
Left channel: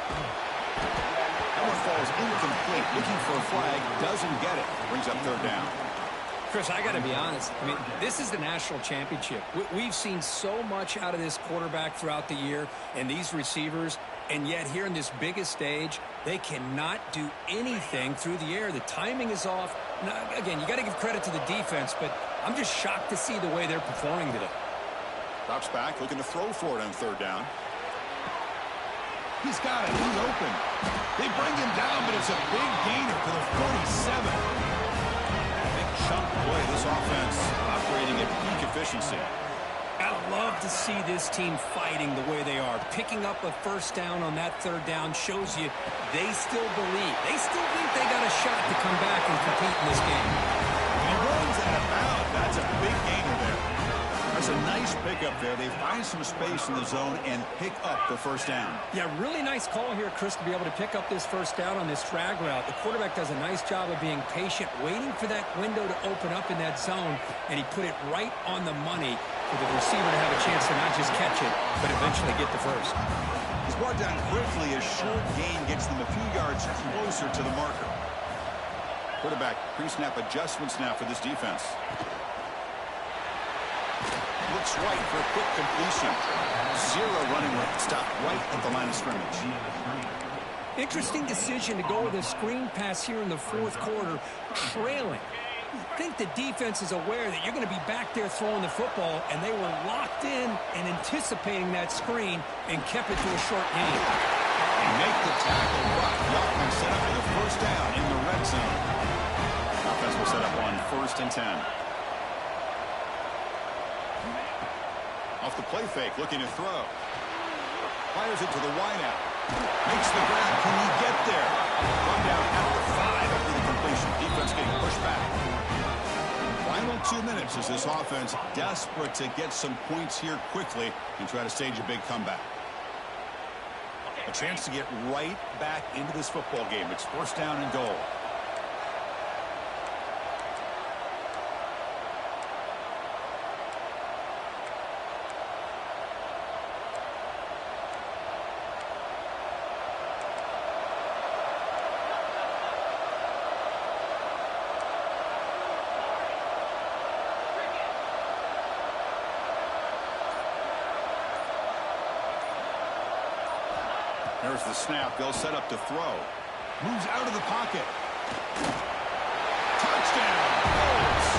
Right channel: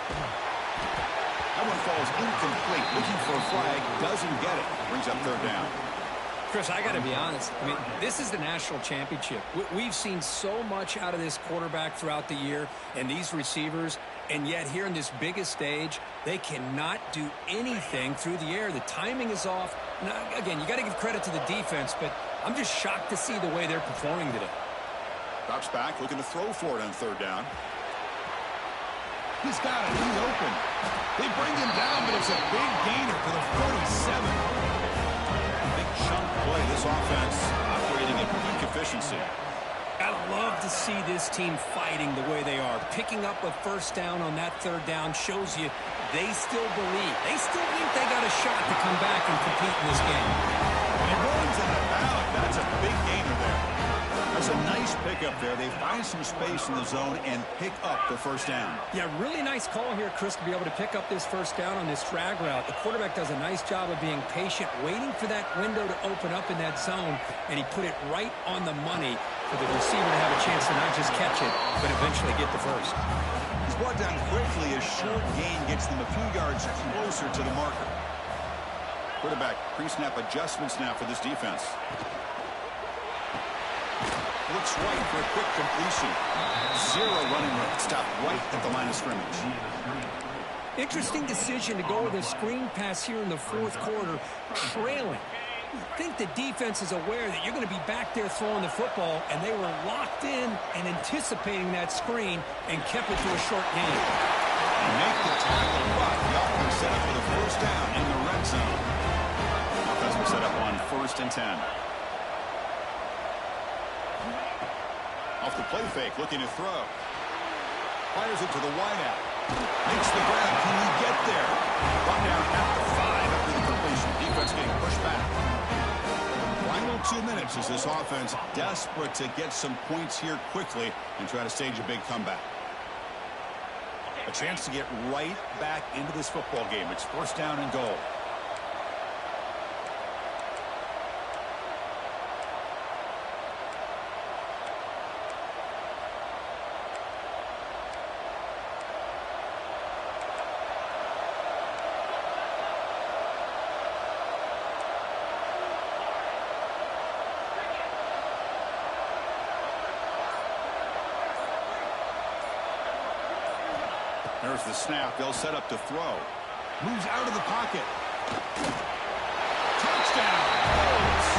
That one falls incomplete. Looking for a flag. Doesn't get it. Brings up third down. Chris, I got to be honest. I mean, this is the national championship. We've seen so much out of this quarterback throughout the year and these receivers, and yet here in this biggest stage, they cannot do anything through the air. The timing is off. Now, again, you got to give credit to the defense, but I'm just shocked to see the way they're performing today. Drops back, looking to throw for it on third down. He's got it. He's open. They bring him down, but it's a big gainer for the 47. Big chunk play. This offense operating at peak efficiency. I love to see this team fighting the way they are. Picking up a first down on that third down shows you they still believe. They still think they got a shot to come back and compete in this game. And he runs that about. That's a big gainer there. That's a nice pickup there. They find some space in the zone and pick up the first down. Yeah, really nice call here, Chris, to be able to pick up this first down on this drag route. The quarterback does a nice job of being patient, waiting for that window to open up in that zone, and he put it right on the money for the receiver to have a chance to not just catch it, but eventually get the first. He's brought down quickly. A short gain gets them a few yards closer to the marker. Quarterback pre-snap adjustments now for this defense. Looks right for a quick completion. Zero running room. Stopped right at the line of scrimmage. Interesting decision to go with a screen pass here in the fourth quarter, trailing. I think the defense is aware that you're going to be back there throwing the football, and they were locked in and anticipating that screen and kept it to a short gain. They make the tackle, but the offense set up for the first down in the red zone. Offense will set up on 1st and 10. Off the play fake, looking to throw. Fires it to the wideout. Makes the grab. Can he get there? Brought down at the 5 after the completion. Defense getting pushed back. Final 2 minutes as this offense desperate to get some points here quickly and try to stage a big comeback. A chance to get right back into this football game. It's 1st down and goal. There's the snap. They'll set up to throw. Moves out of the pocket. Touchdown, Colts,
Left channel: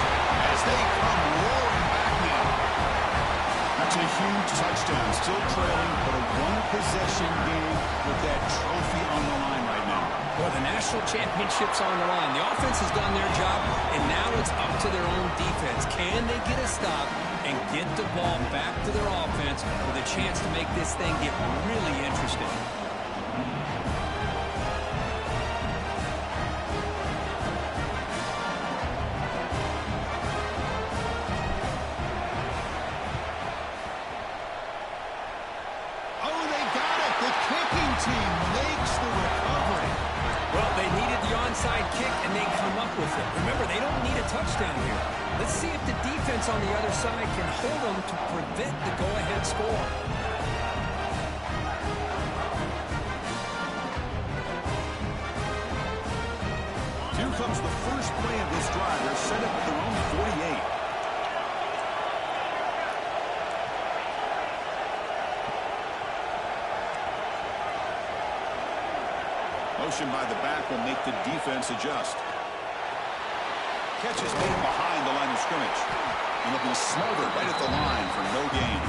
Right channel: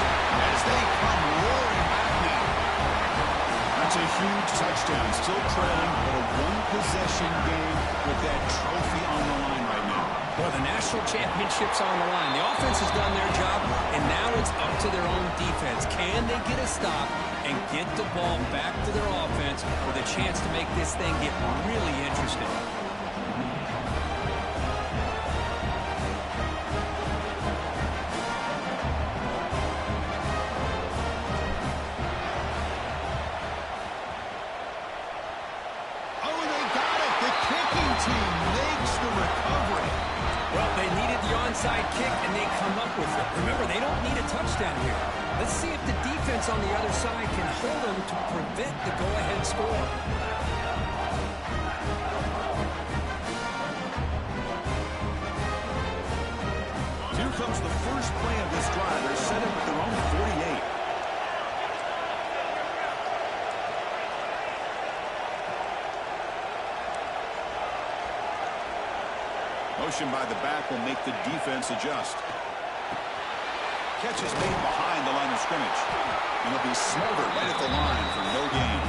as they come roaring back now. That's a huge touchdown. Still trailing, but a one-possession game with that trophy on the line right now. Well, the national championship's on the line. The offense has done their job, and now it's up to their own defense. Can they get a stop and get the ball back to their offense with a chance to make this thing get really interesting? Team makes the recovery. Well, they needed the onside kick, and they come up with it. Remember, they don't need a touchdown here. Let's see if the defense on the other side can hold them to prevent the go-ahead score. Here comes the first play of this drive. They're set up at their own 48. Motion by the back will make the defense adjust. Catch is made behind the line of scrimmage. And they'll be smothered right at the line for no gain.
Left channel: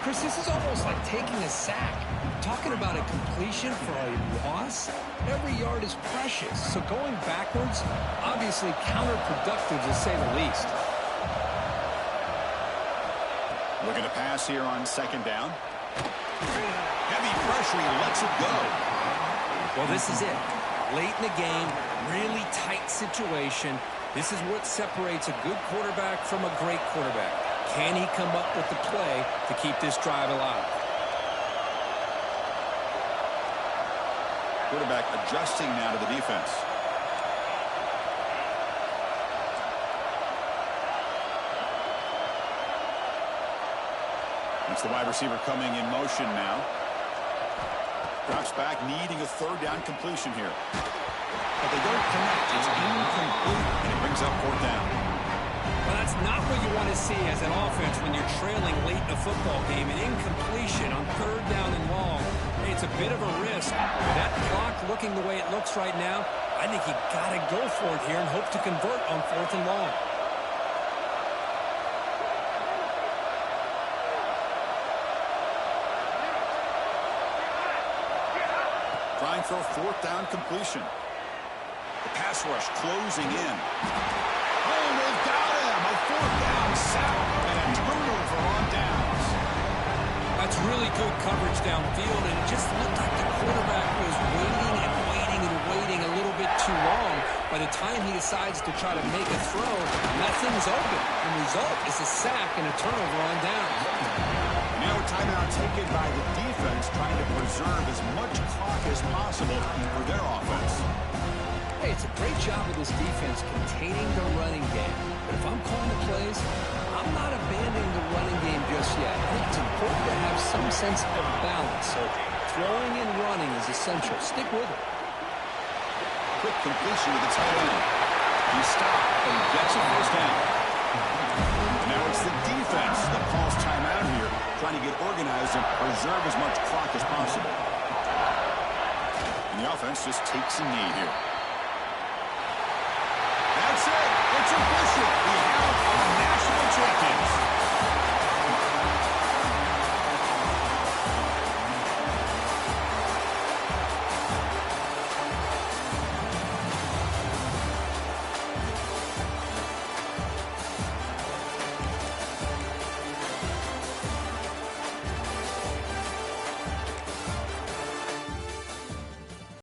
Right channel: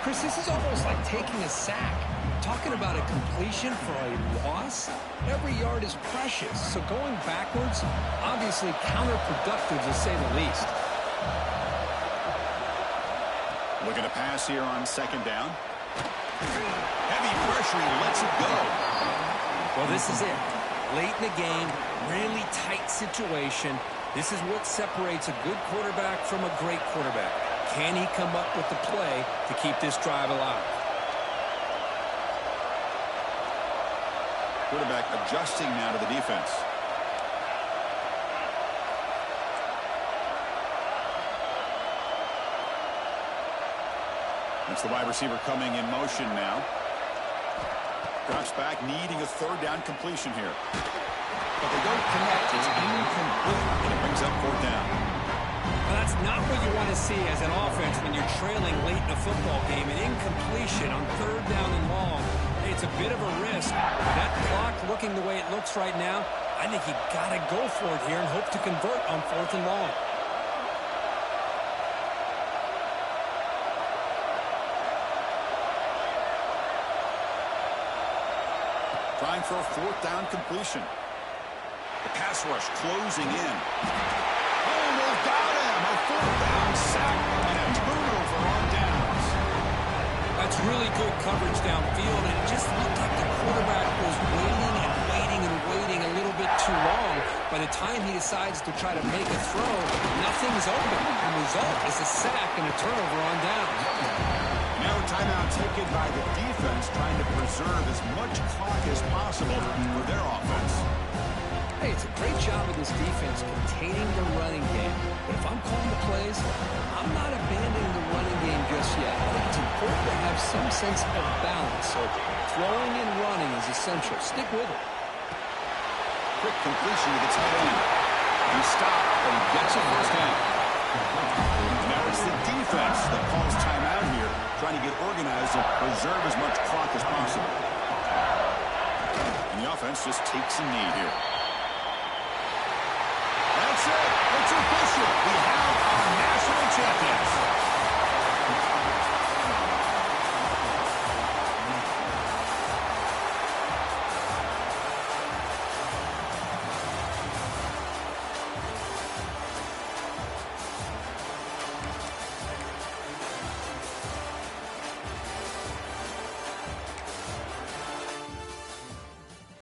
Chris, this is almost like taking a sack. Talking about a completion for a loss, every yard is precious. So going backwards, obviously counterproductive to say the least. Looking to pass here on 2nd down. Heavy pressure, he lets it go. Well, this is it. Late in the game, really tight situation. This is what separates a good quarterback from a great quarterback. Can he come up with the play to keep this drive alive? Quarterback adjusting now to the defense. That's the wide receiver coming in motion now. Drops back, needing a 3rd down completion here. But they don't connect. It's incomplete, and it brings up 4th down. Well, that's not what you want to see as an offense when you're trailing late in a football game. An incompletion on 3rd down and long. It's a bit of a risk. With that clock looking the way it looks right now, I think you got to go for it here and hope to convert on 4th and long. Trying for a fourth down completion. The pass rush closing in. Oh, they've got him. A fourth down sack and a turnover on downs. That's really good coverage downfield, and it just looked like the quarterback was waiting and waiting and waiting a little bit too long. By the time he decides to try to make a throw, nothing's open. The result is a sack and a turnover on downs. Now a timeout taken by the defense, trying to preserve as much clock as possible for their offense. Hey, it's a great job of this defense containing the running game. But if I'm calling the plays, I'm not abandoning the running game just yet. I think it's important to have some sense of balance. So throwing and running is essential. Stick with it. Quick completion to the tight end. He stopped, and he gets a first down. And now it's the defense that calls timeout here, trying to get organized and preserve as much clock as possible. And the offense just takes a knee here. That's it. It's official. We have our national champions.